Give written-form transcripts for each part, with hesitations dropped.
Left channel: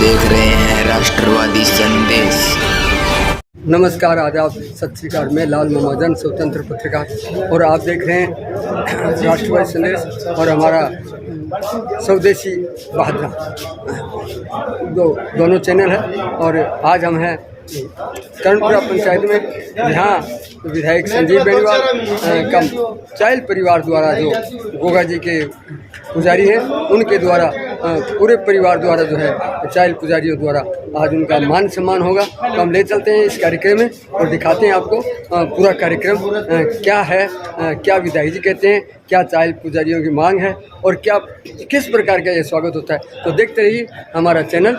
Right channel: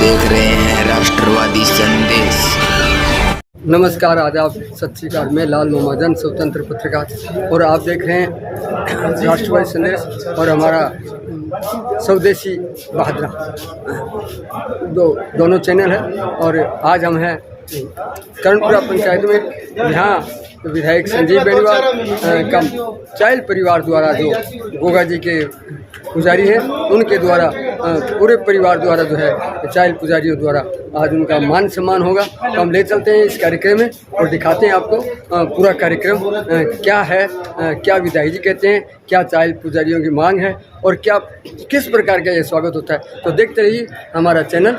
देख रहे हैं राष्ट्रवादी संदेश। नमस्कार, आदाब, सत श्री अकाल। मैं लाल महाजन, स्वतंत्र पत्रकार, और आप देख रहे हैं राष्ट्रवादी संदेश और हमारा स्वदेशी बहादुर दोनों चैनल है। और आज हम हैं कर्णपुरा पंचायत में, जहाँ विधायक संजीव बेनीवाल का चाइल्ड परिवार द्वारा, जो गोगा जी के पुजारी हैं, उनके द्वारा पूरे परिवार द्वारा जो है चाइल्ड पुजारियों द्वारा आज उनका मान सम्मान होगा। तो हम ले चलते हैं इस कार्यक्रम में और दिखाते हैं आपको पूरा कार्यक्रम क्या है, क्या विधायक जी कहते हैं, क्या चाइल्ड पुजारियों की मांग है और क्या किस प्रकार का ये स्वागत होता है। तो देखते रहिए हमारा चैनल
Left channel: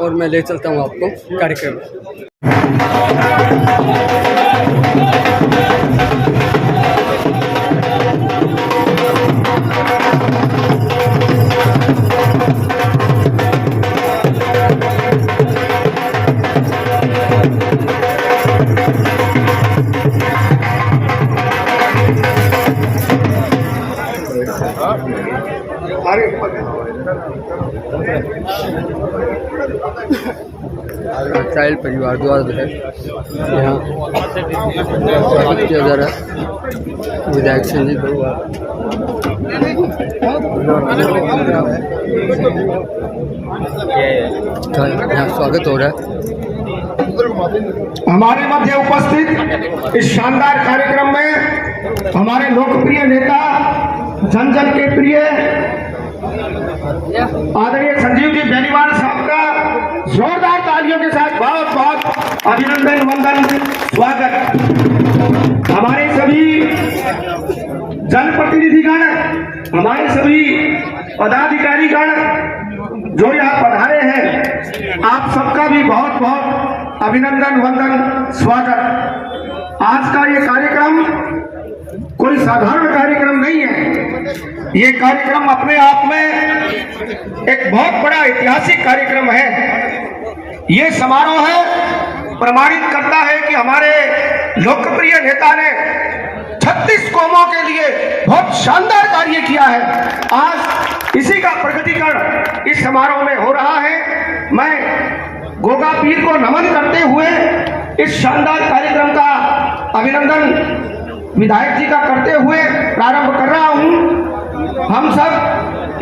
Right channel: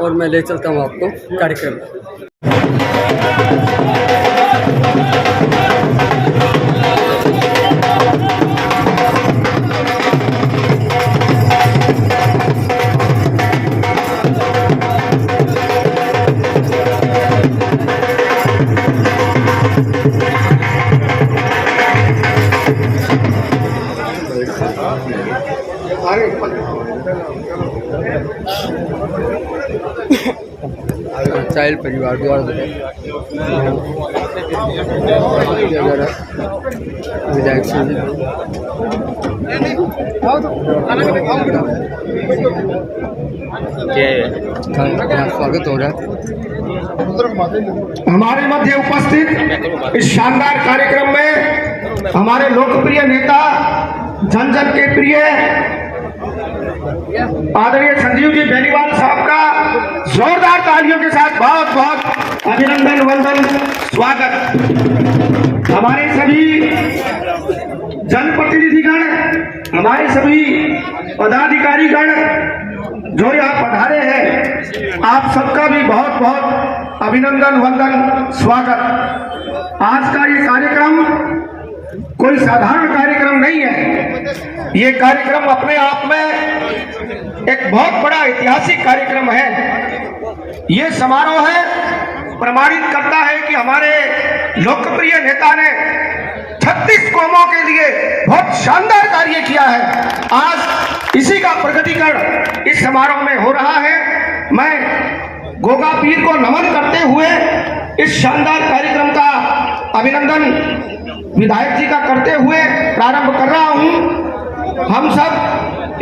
और मैं ले चलता हूँ आपको कार्यक्रम में। चाइल्ड परिवार द्वारा जो है यहाँ स्वागत किया जा रहा है विधायक संजीव यहाँ स्वागत हो रहा है। हमारे मध्य उपस्थित इस शानदार कार्यक्रम में हमारे लोकप्रिय नेता, जन जन के प्रिय आदरणीय संजीव जी बेनीवाल साहब का जोरदार तालियों के साथ बहुत बहुत अभिनंदन, वंदन, स्वागत। हमारे सभी जनप्रतिनिधिगण, हमारे सभी पदाधिकारीगण जो यहाँ पधारे हैं, आप सबका भी बहुत बहुत अभिनंदन, वंदन, स्वागत। आज का ये कार्यक्रम कोई साधारण कार्यक्रम नहीं है। ये कार्यक्रम अपने आप में एक बहुत बड़ा ऐतिहासिक कार्यक्रम है। ये समारोह है प्रमाणित करता है कि हमारे लोकप्रिय नेता ने 36 कौमों के लिए बहुत शानदार कार्य किया है। आज इसी का प्रकटीकरण इस समारोह में हो रहा है। मैं गोगा पीर को नमन करते हुए इस शानदार कार्यक्रम का अभिनंदन विधायक जी का करते हुए प्रारंभ कर रहा हूं। हम सब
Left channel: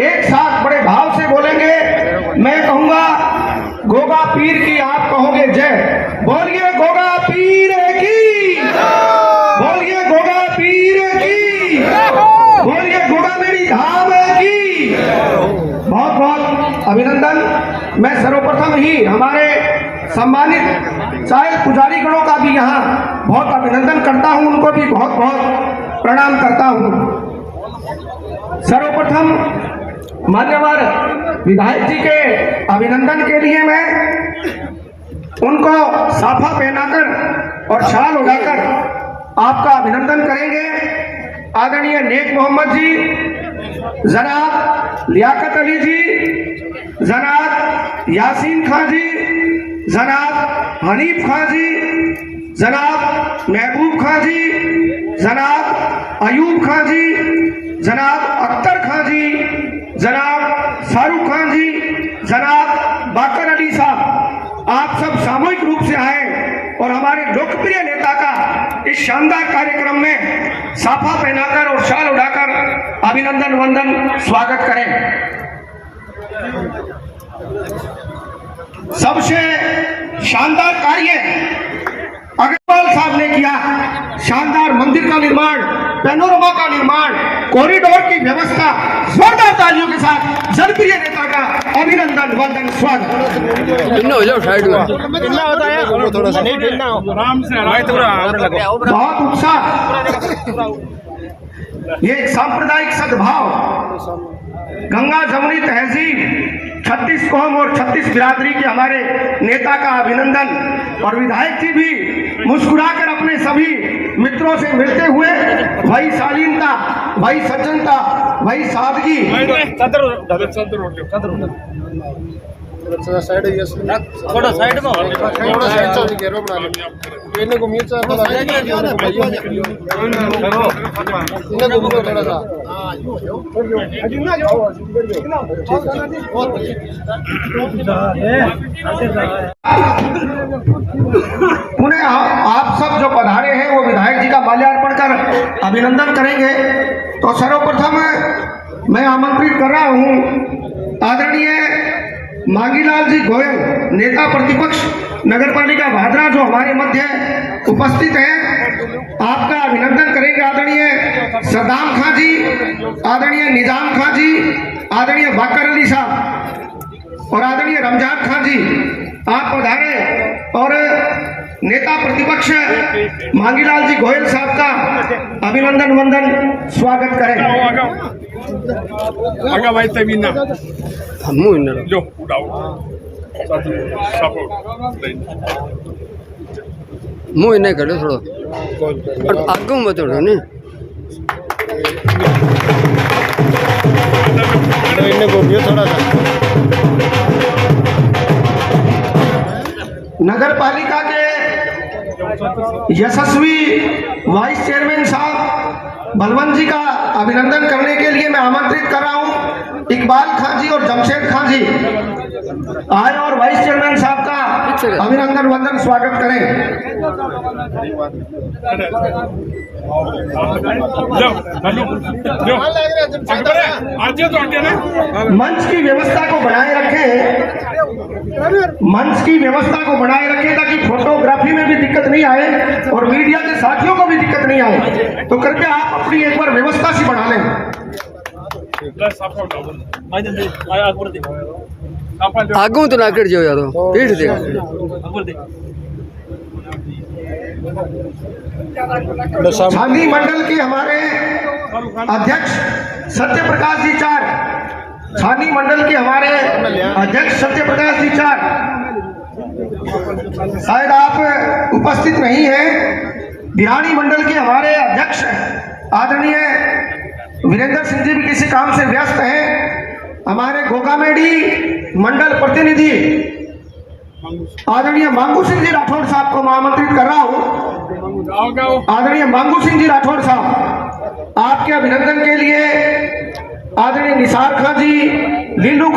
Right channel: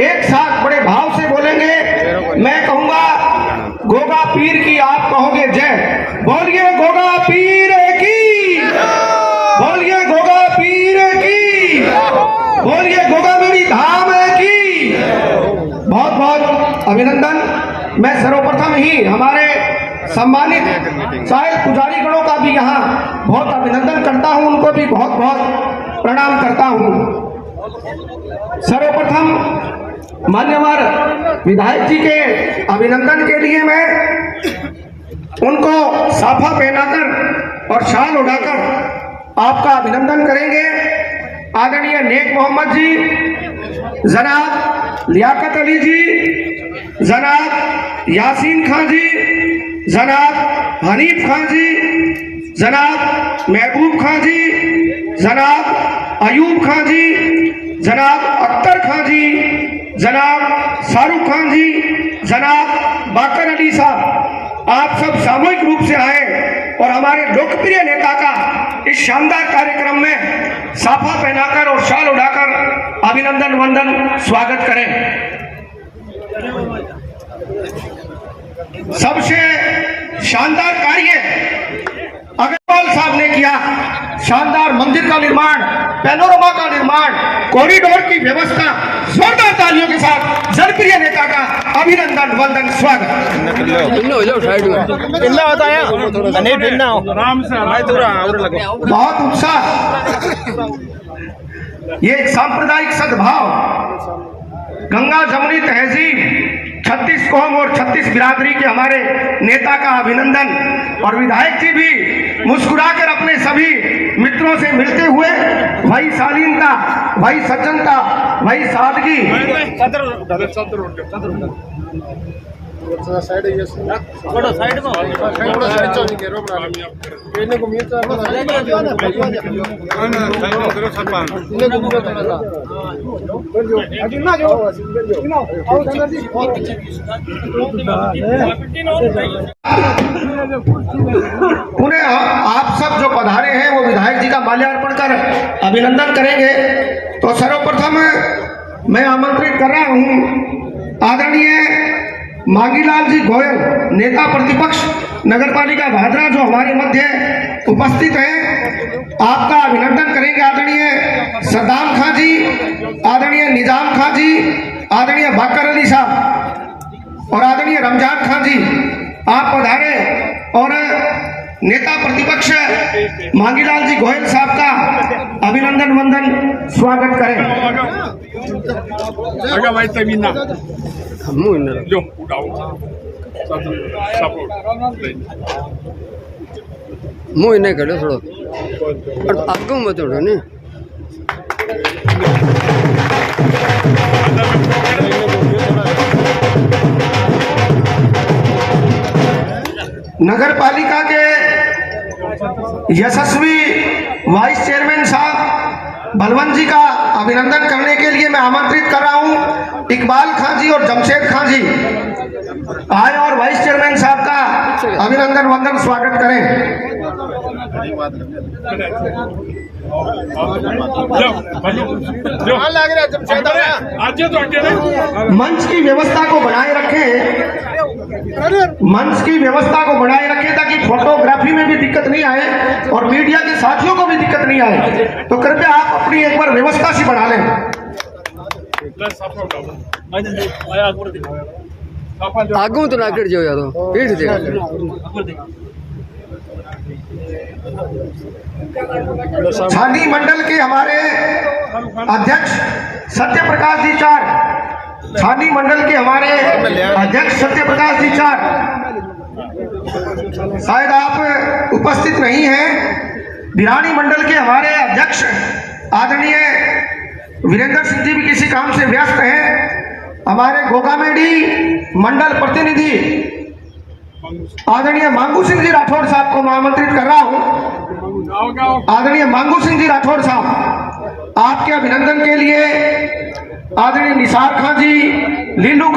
एक साथ बड़े भाव से बोलेंगे। मैं कहूंगा गोगा पीर की, आप कहोगे जय। बोलिए गोगा पीर की, बोलिए गोगा पीर की, बोलिए गोगा मेरी धाम की। बहुत बहुत अभिनंदन। मैं सर्वप्रथम ही हमारे सम्मानित चाइल्ड पुजारी गणों का भी यहाँ बहुत अभिनंदन करता हूँ, उनको भी बहुत बहुत प्रणाम करता हूँ। सर्वप्रथम मान्यवर विधायक जी के अभिनंदन के लिए मैं उनको साफा पहनाकर और शाल उड़ाकर आपका अभिनंदन करेंगे। आदरणीय नेक मोहम्मद जी, जनाब लियाकत अली जी, जनाब यासीन खान जी, जनाब हनीफ खान जी, जनाब महबूब खान जी, जनाब अयूब खान जी, जनाब अख्तर खान जी, जनाब शाहरुख खान जी, जनाब बाकर अली साहब, आप सब सामूहिक रूप से आए और हमारे लोकप्रिय नेता का इस शानदार कार्यक्रम में साफा पहनाकर और शाल उड़ाकर अभिनंदन, वंदन, स्वागत करें। सबसे शानदार कार्य अग्रवाल साहब ने किया। शानदार मंदिर का निर्माण, पैनोरमा का निर्माण, कॉरिडोर की व्यवस्था। जोरदार तालियों के साथ जनप्रिय नेता का अभिनंदन, वंदन, स्वागत। हो जाओ साइड में। बहुत उत्साह, ये एक सांप्रदायिक सद्भाव, गंगा जमुनी तहजीब, 36 कौम और 36 बिरादरी के हमारे नेता का अभिनंदन। और विधायक जी भी मुस्कुराकर अपने सभी मित्रों से मिलते हुए वही शालीनता, वही सज्जनता, वही सादगी। उन्हें आप सब जो पधारे हैं वो विधायक जी का माल्यार्पण कर अभिनंदन करेंगे। तो सर्वप्रथम मैं आमंत्रित कर रहा हूं आदरणीय मांगीलाल जी गोयल, नेता प्रतिपक्ष नगरपालिका भादरा, जो हमारे मध्य उपस्थित हैं। आपका अभिनंदन करेंगे आदरणीय सद्दाम खां जी, आदरणीय निजाम खां जी, आदरणीय बाकर अली साहब और आदरणीय रमजान खां जी, आप पधारे और नेता प्रतिपक्ष मांगीलाल जी गोयल साहब का अभिनंदन वंदन स्वागत करें। भाई तमीना जो मुँह नहीं करो थोड़ा आगे मत उड़ो ने नगर पालिका के यशस्वी वाइस चेयरमैन साहब बलवंत जी का अभिनंदन करने के लिए मैं आमंत्रित कर रहा हूं इकबाल खां जी और जमशेद खां जी आए और वाइस चेयरमैन साहब का अभिनंदन वंदन स्वागत करें। मंच की व्यवस्था को बनाए रखें ताकि फोटोग्राफी में भी दिक्कत नहीं आए और मीडिया के साथियों को भी दिक्कत नहीं आए। तो कृपया आप अपनी एक बार व्यवस्था सी बढ़ा लें। आगू तो ना कर जो यार पीठ दे छानी मंडल के हमारे अध्यक्ष सत्य प्रकाश जी चार, छानी मंडल के हमारे अध्यक्ष सत्य प्रकाश जी चार, शायद आप उपस्थित नहीं हैं। बिहानी मंडल के हमारे अध्यक्ष आदरणीय वीरेंद्र सिंह जी भी किसी काम से व्यस्त हैं। हमारे गोगामेडी मंडल प्रतिनिधि आदरणीय मांगू सिंह जी राठौड़ साहब को मैं आमंत्रित कर रहा हूं। आदरणीय मांगू सिंह जी राठौड़ साहब, आपके अभिनंदन के लिए आदरणीय निसार खां जी, लीलू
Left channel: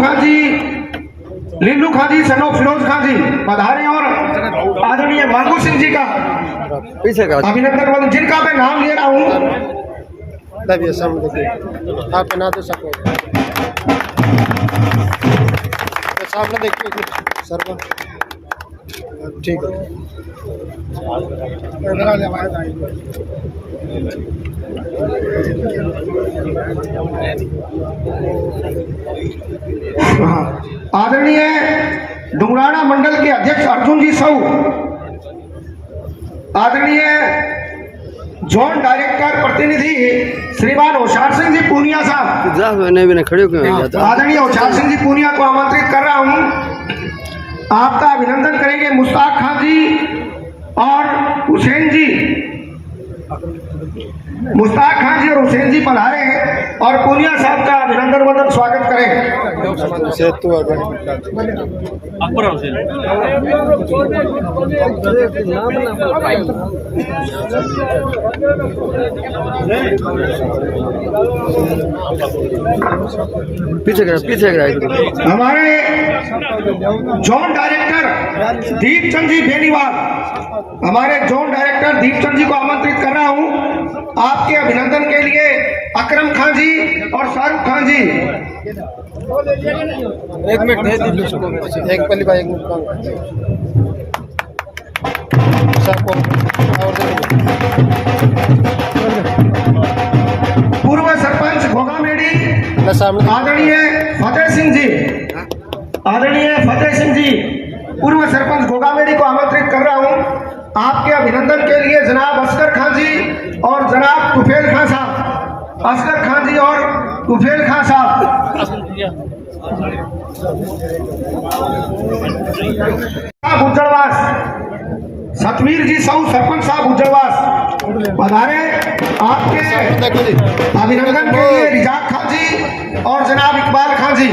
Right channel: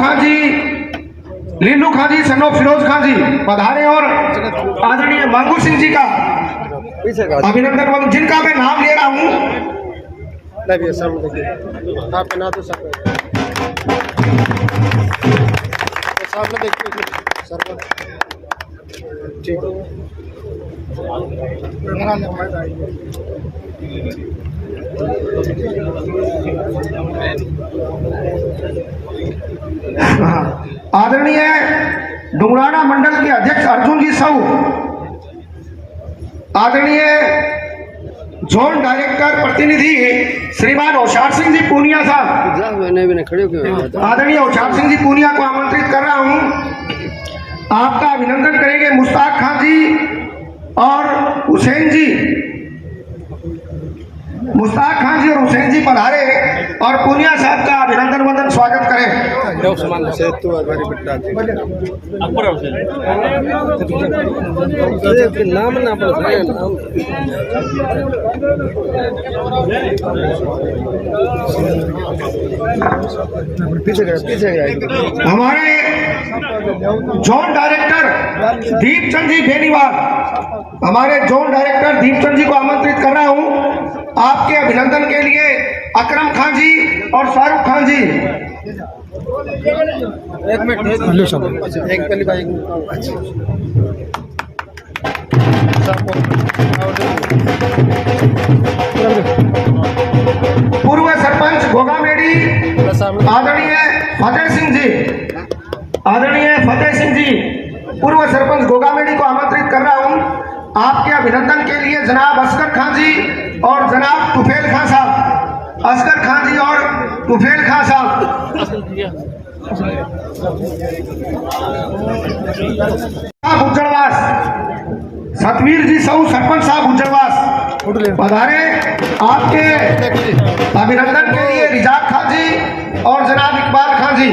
खां जी सनो फिरोज खां जी पधारे और आदरणीय मांगू सिंह जी का अभिनंदन, जिनका मैं नाम ले रहा हूं। आप बना दो सको सामने देखिए सर, ठीक है। आदरणीय डुंगराना मंडल के अध्यक्ष अर्जुन जी साहू, आदरणीय जोन डायरेक्टर प्रतिनिधि श्रीमान होशियार सिंह जी पूनिया साहब, आदरणीय होशियार सिंह जी पूनिया को आमंत्रित कर रहा हूं। आपका अभिनंदन करेंगे मुश्ताक खां जी और हुसैन जी। मुश्ताक खां जी और हुसैन जी पधारे और पूनिया साहब का अभिनंदन वंदन स्वागत करें। हमारे जोन डायरेक्टर दीपचंद जी बेनीवाल, हमारे जोन डायरेक्टर दीपचंद जी को आमंत्रित कर रहा हूं। आपके अभिनंदन के लिए अकरम खां जी और शाहरुख खान जी। एक मिनट एक पहली बार एक मिनट पूर्व सरपंच गोगामेडी आदरणीय फतेह सिंह जी, आदरणीय फतेह सिंह जी पूर्व सरपंच गोगामेडी को आमंत्रित कर रहा हूं। आपके अभिनंदन के लिए जनाब असगर खां जी और जनाब तुफेल खां साहब, असगर खां जी और तुफेल खां साहब। गुज्जरवास सतवीर जी साहू सरपंच साहब गुज्जरवास पधारे। आपके अभिनंदन के लिए रिजाक खां जी और जनाब इकबाल खां जी।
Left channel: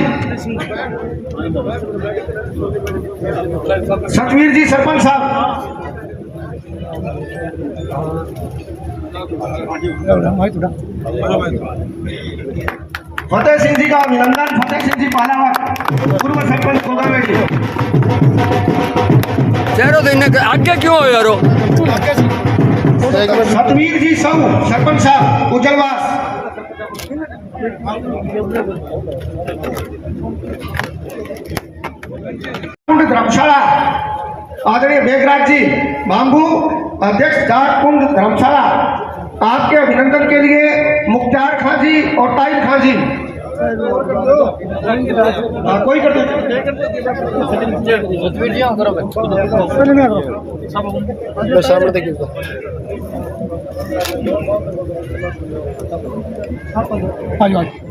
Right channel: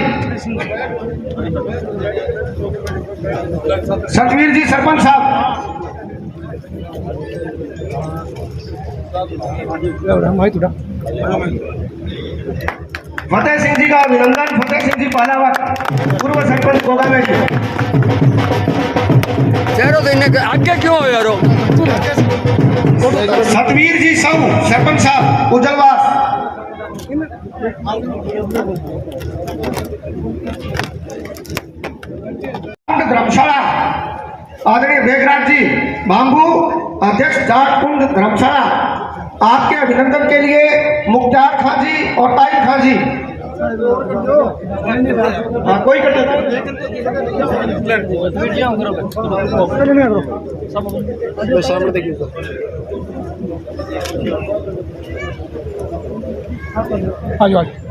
सतवीर जी सरपंच साहब, फतेह सिंह जी का अभिनंदन। फतेह सिंह जी पालावत, पूर्व सरपंच गोगामेडी। चेहरो तो इन्हें आगे क्यों हो यारो? सतवीर जी सौ सरपंच साहब उज्जलवास। धर्मशाला आदरणीय बेगराज जी बांबू, अध्यक्ष जाटकुंड धर्मशाला, आपके अभिनंदन के लिए मुख्तार खां जी और ताहिर खां जी। कोई करते सामने देखिए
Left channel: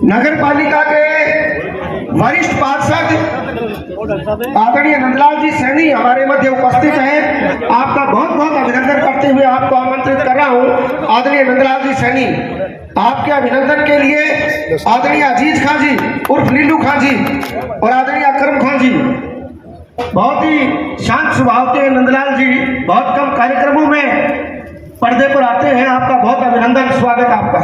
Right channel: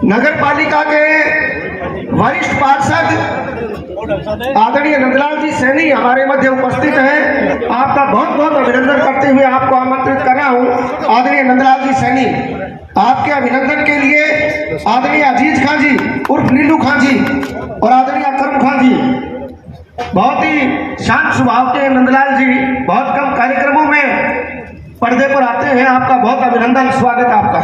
नगर पालिका के वरिष्ठ पार्षद आदरणीय नंदलाल जी सैनी हमारे मध्य उपस्थित हैं। आपका बहुत बहुत अभिनंदन करते हुए आपको आमंत्रित कर रहा हूं। आदरणीय नंदलाल जी सैनी, आपके अभिनंदन के लिए आदरणीय अजीज खां जी उर्फ नीलू खां जी और आदरणीय अकरम खां जी, बहुत ही शांत स्वभाव के नंदलाल जी, बहुत कम कार्यक्रमों में पर्दे पर आते हैं। आपका बहुत अभिनंदन, स्वागत है आपका।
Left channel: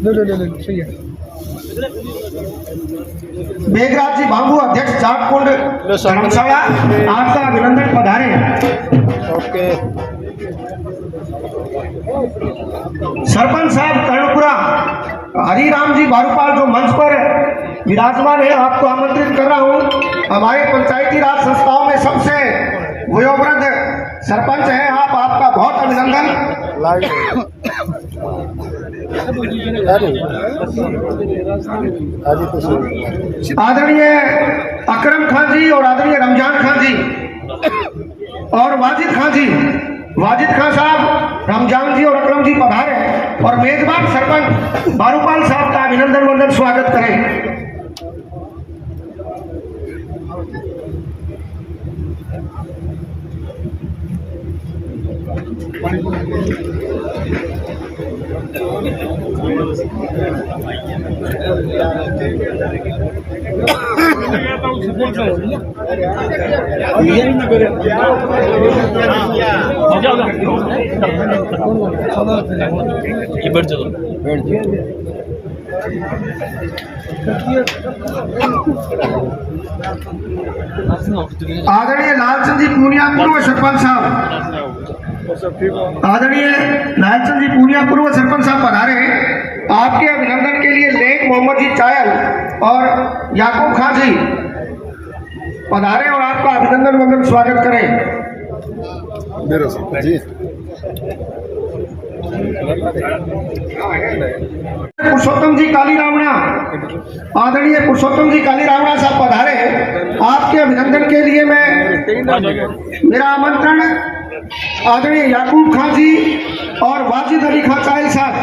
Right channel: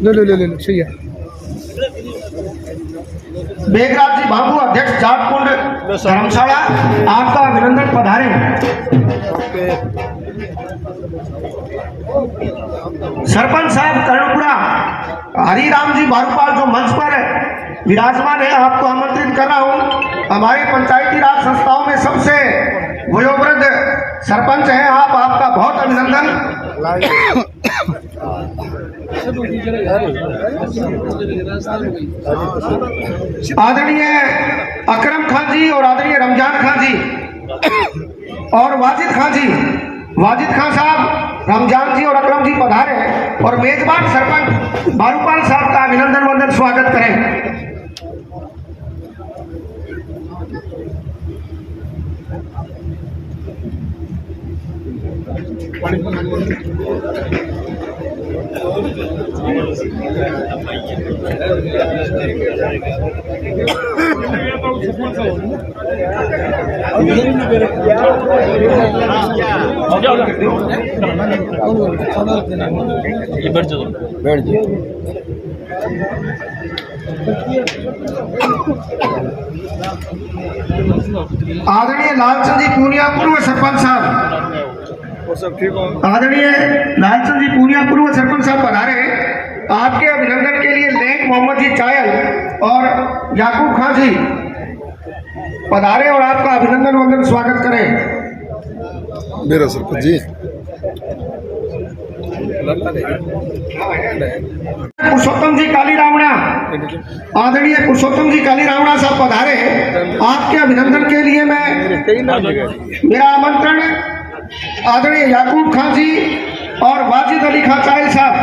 ले सही है। बेगराज जी बांबू, अध्यक्ष जाटकुंड धर्मशाला, आपका अभिनंदन, पधारे। सरपंच साहब कर्णपुरा हरिराम जी बारूपाल जो मंच पर विराजमान है, आपको आमंत्रित कर रहा हूं। हमारे पंचायती राज संस्थाओं में सबसे वयोवृद्ध सरपंच है आप, आपका बहुत अभिनंदन। आदरणीय अकरम खां जी और आदरणीय रमजान खां जी और वाजिद खां जी, वाजिद खां साहब, रमजान जी और अकरम जी पधारे और मेजबान सरपंच बारूपाल साहब का अभिनंदन वंदन स्वागत करें। आदरणीय लालचंद जी पूनिया पूर्व सरपंच साहब, आदरणीय लालचंद जी पूनिया पूर्व सरपंच साहब पधारे हैं। आपके अभिनंदन के लिए लेक मोहम्मद जी चायल और याकूब खां जी पधारे और आपका अभिनंदन वंदन स्वागत करें। मेरा सरपंच जी पुरुषोत्तम जी काली रावणा, आदरणीय पुरुषोत्तम जी काली रावणा साहब पधारे। आपके अभिनंदन के लिए मेरा आमंत्रण आदरणीय याकूब खां जी और वाजिद अली खां चायल साहब,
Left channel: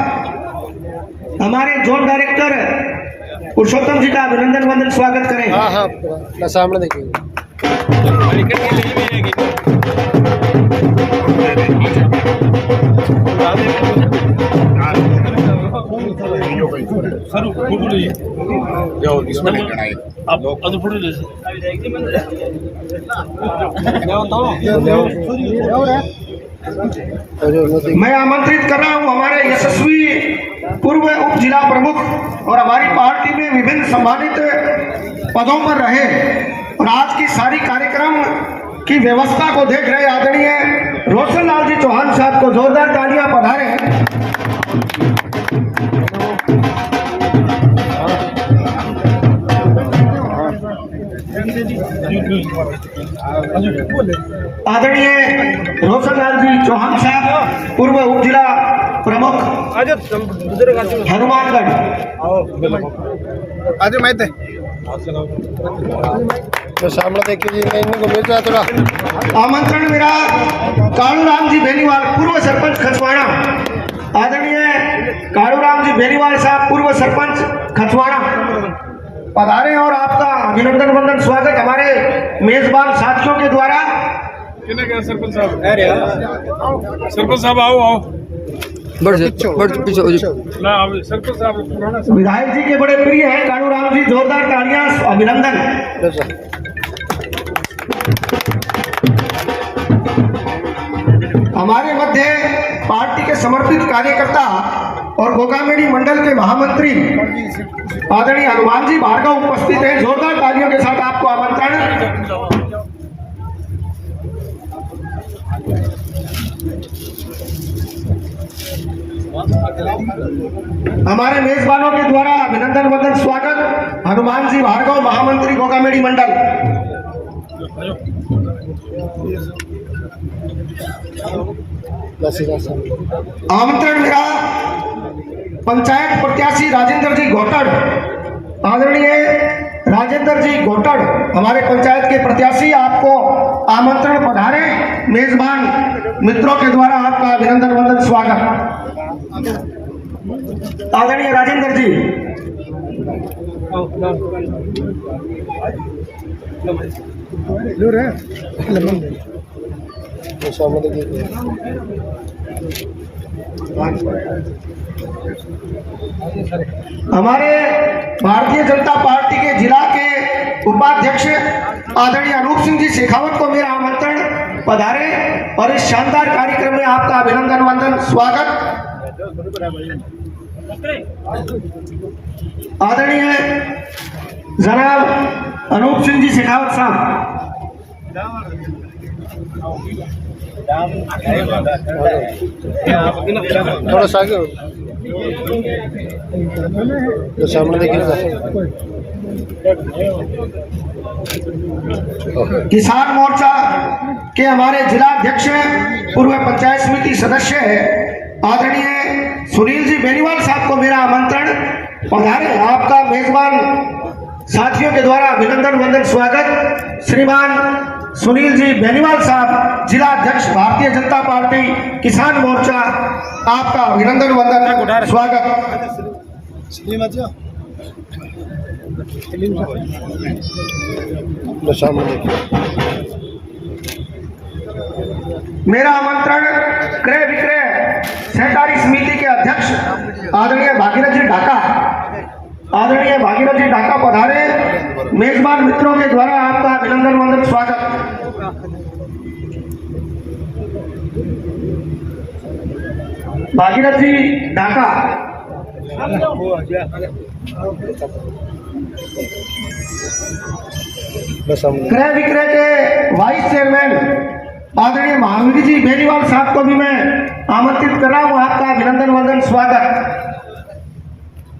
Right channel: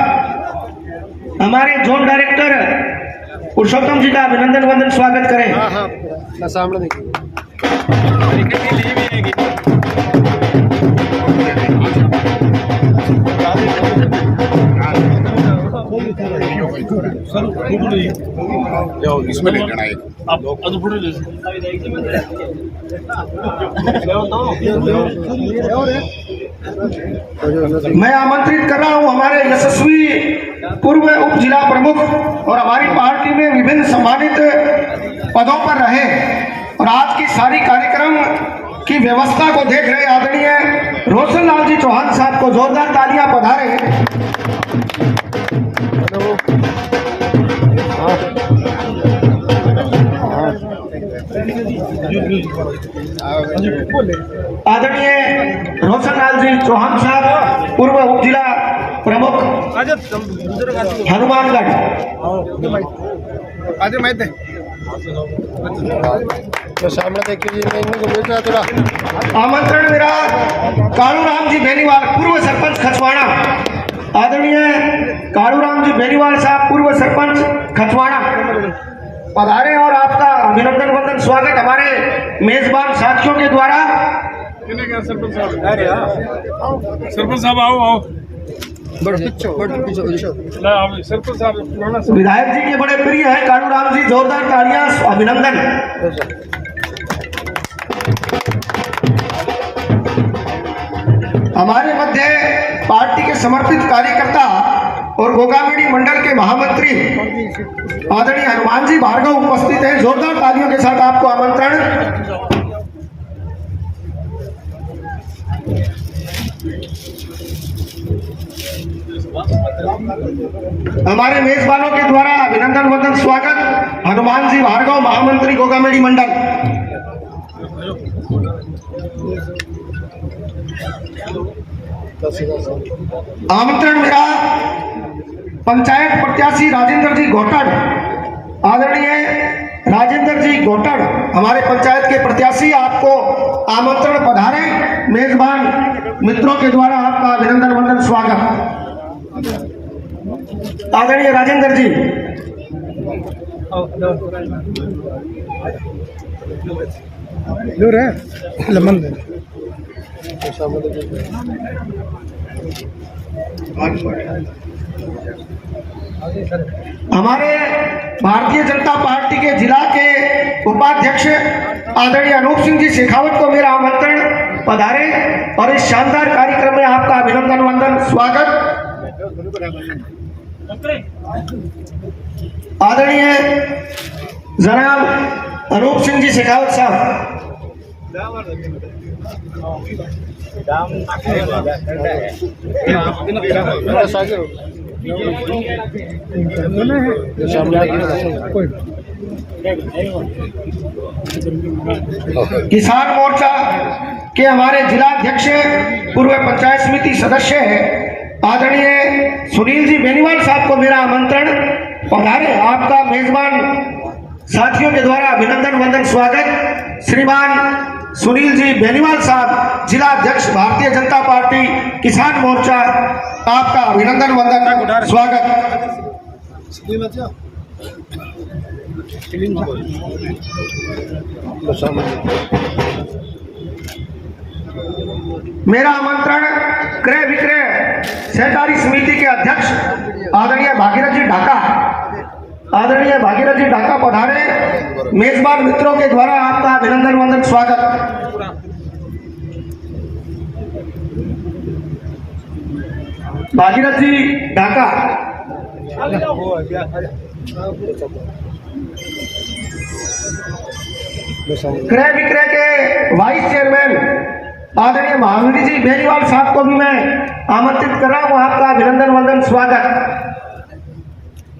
हमारे जोन डायरेक्टर पुरुषोत्तम जी का अभिनंदन वंदन स्वागत करें। हाँ सामने देखिए। इसमें नहीं लेना है आप फोटो ले मैं आमंत्रित कर रहा हूं हमारे यशस्वी पूर्व उप जिला प्रमुख और हमारी पार्टी में विभिन्न सम्मानित पदों पर रहे और आज की सारी कार्यक्रम की व्यवस्था को देख रहे आदरणीय रोशन लाल जी चौहान साहब को जोरदार तालियां पधारे। आदरणीय रोशन लाल जी चौहान साहब पूर्व उप जिला प्रमुख हनुमानगढ़। तो सामने देखिए, मैं इनको मिल रहा थोड़ा आमंत्रण मेरा कालूराम जी बेनीवाल पूर्व सरपंच खचवाड़ा, आदरणीय कालूराम जी बेनीवाल साहब पूर्व सरपंच खचवाड़ा पधारे और आपका अभिनंदन वंदन स्वागत हमारे मेजबान साथियों के द्वारा। सरपंच साहब आओ पीछे सरपंच साहब विधायक जी के बड़े प्रिय है कालूराम जी, जोरदार तालियां, अभिनंदन। हमारे मध्य पार्टी के समर्पित कार्यकर्ता और गोगामेडी मंडल के महामंत्री आदरणीय हनुमान जी भार्गव उपस्थित हैं। जोरदार तालियों के साथ आपको आमंत्रण। हमारे मेजबानों के द्वारा अभिनंदन वंदन स्वागत हनुमान जी भार्गव महामंत्री गोगामेडी मंडल। आमंत्रण मेरा पंचायत प्रत्याशी राजेंद्र जी घोटड़, आदरणीय राजेंद्र जी घोटड़ हमारे पंचायत के प्रत्याशी, आपको आमंत्रण। पधारे। मेजबान मित्रों के द्वारा आपका अभिनंदन वंदन स्वागत। आदरणीय राजेंद्र जी, दूर है लमन दे हमारे भारतीय जनता पार्टी के जिला के उपाध्यक्ष आदरणीय अनूप सिंह जी शेखावत को मेरा आमंत्रण। पधारे और इस शानदार कार्यक्रम में आपका अभिनंदन वंदन स्वागत। आदरणीय जनाब अनूप सिंह जी शेखावत साहब, थोड़ा सा आगे सामने किसान मोर्चा के हमारे जिला अध्यक्ष पूर्व पंचायत समिति सदस्य है आदरणीय सुनील जी बेनीवाल साहब को मेरा आमंत्रण। पधारे। आपका मेजबान साथियों के द्वारा अभिनंदन वंदन स्वागत। श्रीमान सुनील जी बेनीवाल साहब, जिला अध्यक्ष भारतीय जनता पार्टी किसान मोर्चा, आपका अभिनंदन वंदन स्वागत। मेरा आमंत्रण क्रय विक्रय सहकारी समिति के अध्यक्ष आदरणीय भागीरथ जी ढाका, आदरणीय भागीरथ जी ढाका पधारे। मेजबान मित्रों के द्वारा आपका अभिनंदन वंदन स्वागत। भागीरथ जी ढाका, क्रय विक्रय के वाइस चेयरमैन आदरणीय महावीर जी बेनीवाल साहब को भी मैं आमंत्रित कर रहा हूं। आपका अभिनंदन वंदन स्वागत।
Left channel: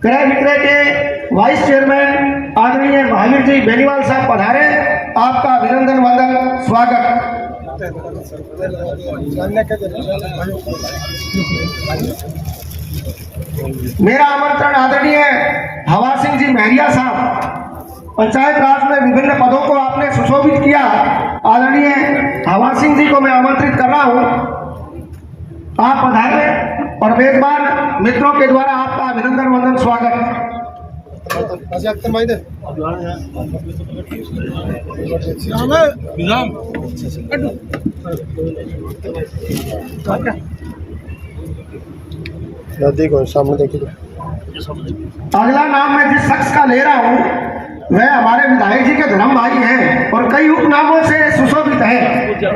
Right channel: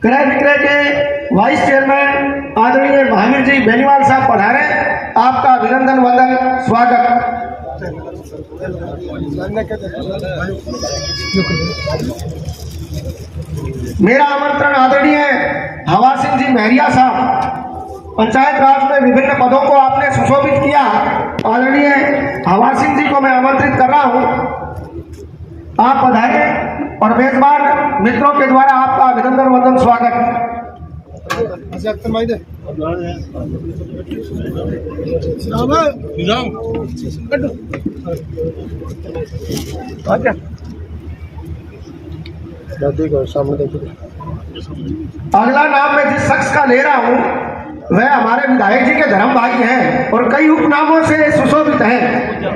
क्रय विक्रय के वाइस चेयरमैन आदरणीय महावीर जी बेनीवाल साहब पधारे। आपका अभिनंदन वंदन स्वागत। मेरा आमंत्रण आदरणीय हवा सिंह जी महरिया साहब, पंचायत राज में विभिन्न पदों को आपने सुशोभित किया। आदरणीय हवा सिंह जी को मैं आमंत्रित कर रहा हूं। आप पधारें और मेजबान मित्रों के द्वारा आपका अभिनंदन वंदन स्वागत। देखो सामने देखिए। अगला नाम मैं जिस शख्स का ले रहा हूं वह हमारे विधायक जी के धर्म भाई हैं और कई उपनामों से सुशोभित हैं।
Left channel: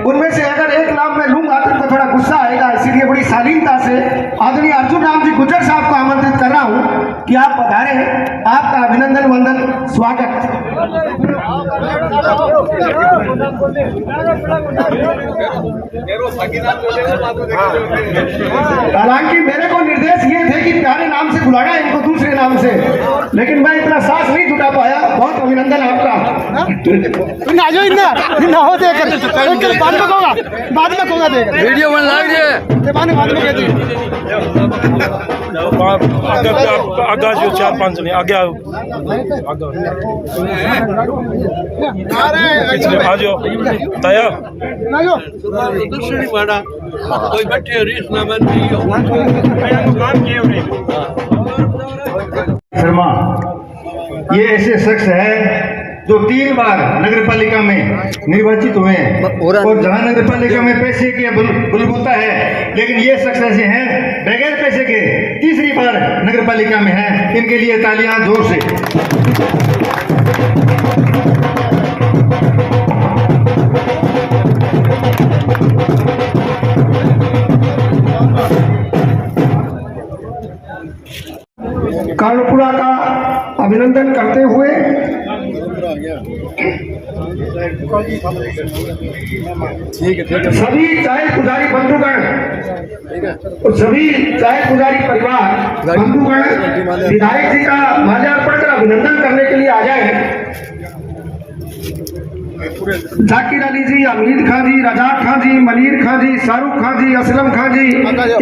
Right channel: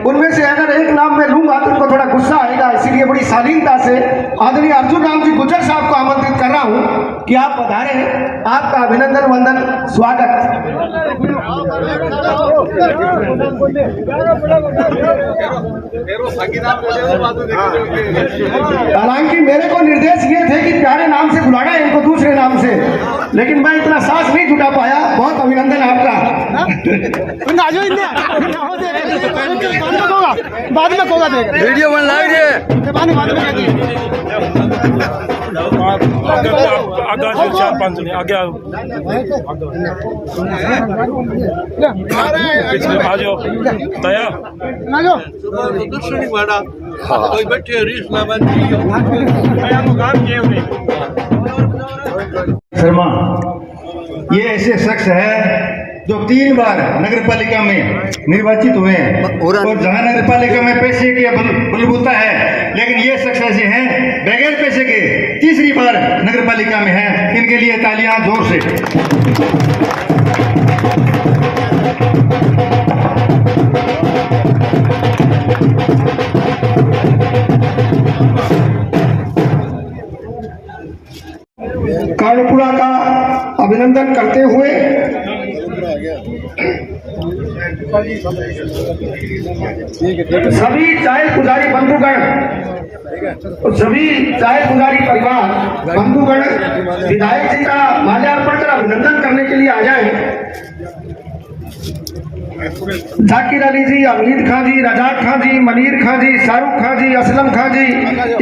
उनमें से अगर एक नाम में लूंगा तो उनको थोड़ा गुस्सा आएगा, इसीलिए बड़ी शालीनता से आदरणीय अर्जुन राम जी गुज्जर साहब को आमंत्रित कर रहा हूं कि आप पधारे। आपका अभिनंदन वंदन स्वागत। हालांकि मेरे को निर्देश ये थे कि प्यारे नाम से बुलाना है इनको दूसरे नाम से, लेकिन मैं इतना साहस नहीं जुटा पाया। बहुत अभिनंदन आपका। बाद में होगा देगा वीडियो बन रही बाद में कह दिए आगे 4-5 जने आगे आओ, आ जाओ तैयार कोई बैठे रीस ना बन शर्मा, ये ऐसे शख्स है जो 3 बार नगर पालिका में निर्वाचित हुए हैं और जहां नगर पालिका में पैसे की बलबूता है, लेकिन ये शख्स ऐसे हैं बगैर पैसे के तीसरी बार नगर पालिका में हैं। इनके लिए तालियां जोर से। अभिनंदन करते हुए सभी चाय पुजारी बंधुगण और सभी चाय पुजारी परिवार बंधुगण विधायक जी का माल्यार्पण कर अभिनंदन करने के लिए आ जाए। जाकिर अली जी, अमीद खां जी, रजाक खां जी, मनीर खां जी, शाहरुख खां जी, असलम खां जी,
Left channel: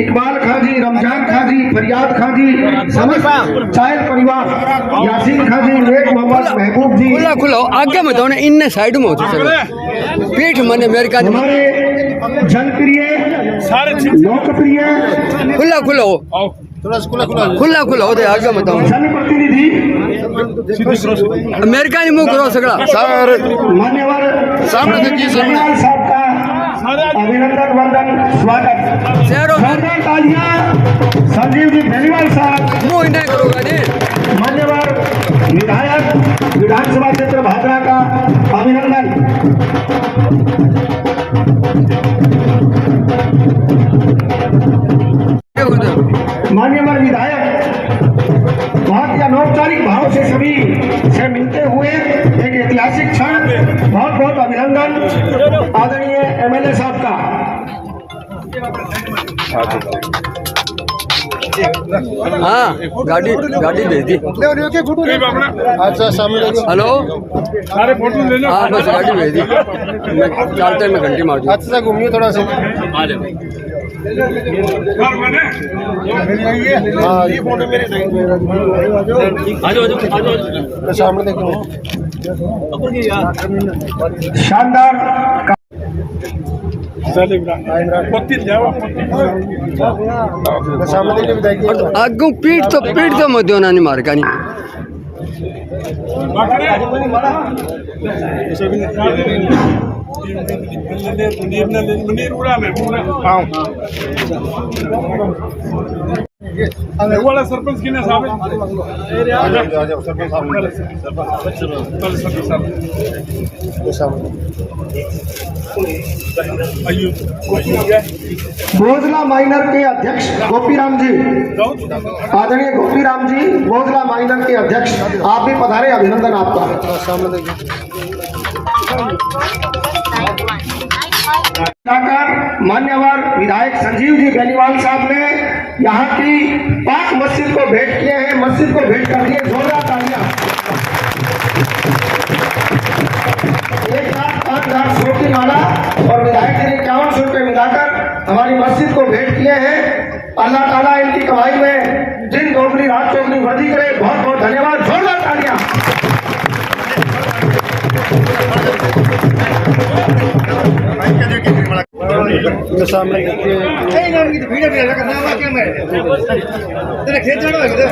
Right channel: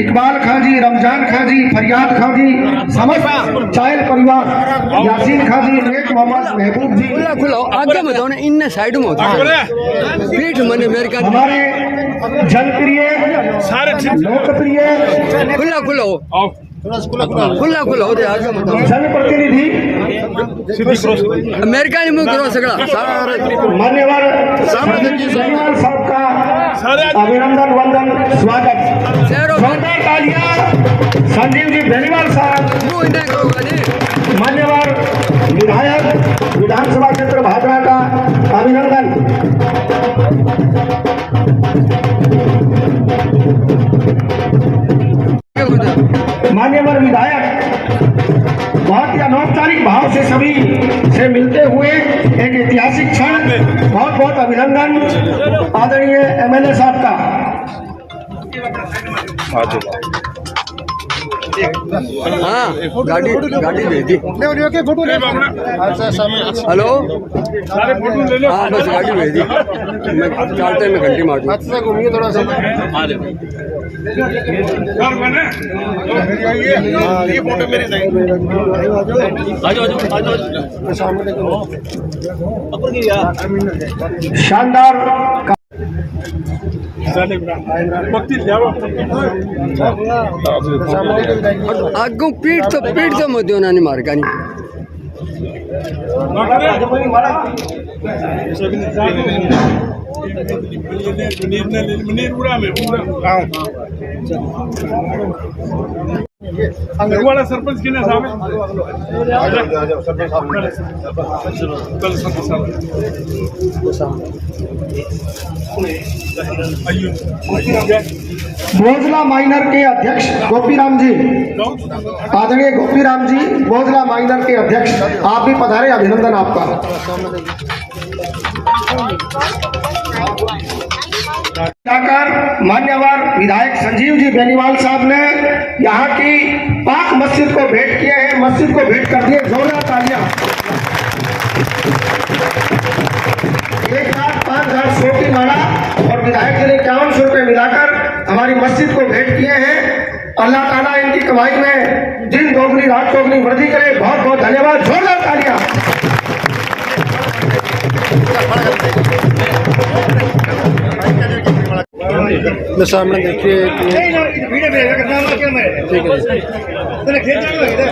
इकबाल खां जी, रमजान खां जी, फरियाद खां जी, समस्त चायल परिवार, यासीन खां जी, नेक मोहम्मद महबूब जी, खुला खुला आगे में तो इन साइड में होती है पीठ मन मेरे का हमारे जनप्रिय लोकप्रिय खुला खुला हो खुला खुला हो आगे में तो जनप्रतिनिधि अमेरिका ही मुंह करो सगड़ा मान्यवर बेनीवाल साहब का अभिनंदन वंदन स्वागत। जोरदार तालियां संजीव जी बेनीवाल साहब, मुंह इन्हें करोगा नहीं मान्यवर विधायक विधानसभा क्षेत्र भादरा का अभिनंदन। मान्यवर विधायक बहुत ही अनौपचारिक भाव से सभी से मिलते हुए एक ऐतिहासिक क्षण, बहुत बहुत अभिनंदन आदरणीय एमएलए साहब का। हाँ गाड़ी गाड़ी भेज दी। हेलो हाँ बस गाड़ी भेज दी, मैं चलते में घंटी मार दूँ। अच्छा घूमिए थोड़ा सा। सामने शानदार आगू पीठ तो मत होना नहीं मार का नहीं वाला सरपंच की ना साहब आ जाओ सरपंच साहब बोझला माइनर के अध्यक्ष गोपीराम जी, आदरणीय गोपीराम जी बोझला माइनर के अध्यक्ष, आप भी पधारे, अभिनंदन आपका। मान्यवर विधायक संजीव जी बेनीवाल साहब ने यहाँ की पाक मस्जिद को भेंट किए हैं, मस्जिद को भेंट कर दिए, जोरदार तालियां। 1,05,100 की माला और विधायक जी ने 5100 रुपये मिलाकर हमारी मस्जिद को भेंट किए हैं। अल्लाह ताला इनकी कमाई में दिन दोगुनी रात चौगुनी वृद्धि करे। बहुत बहुत धन्यवाद, जोरदार तालियां। सामने देखिए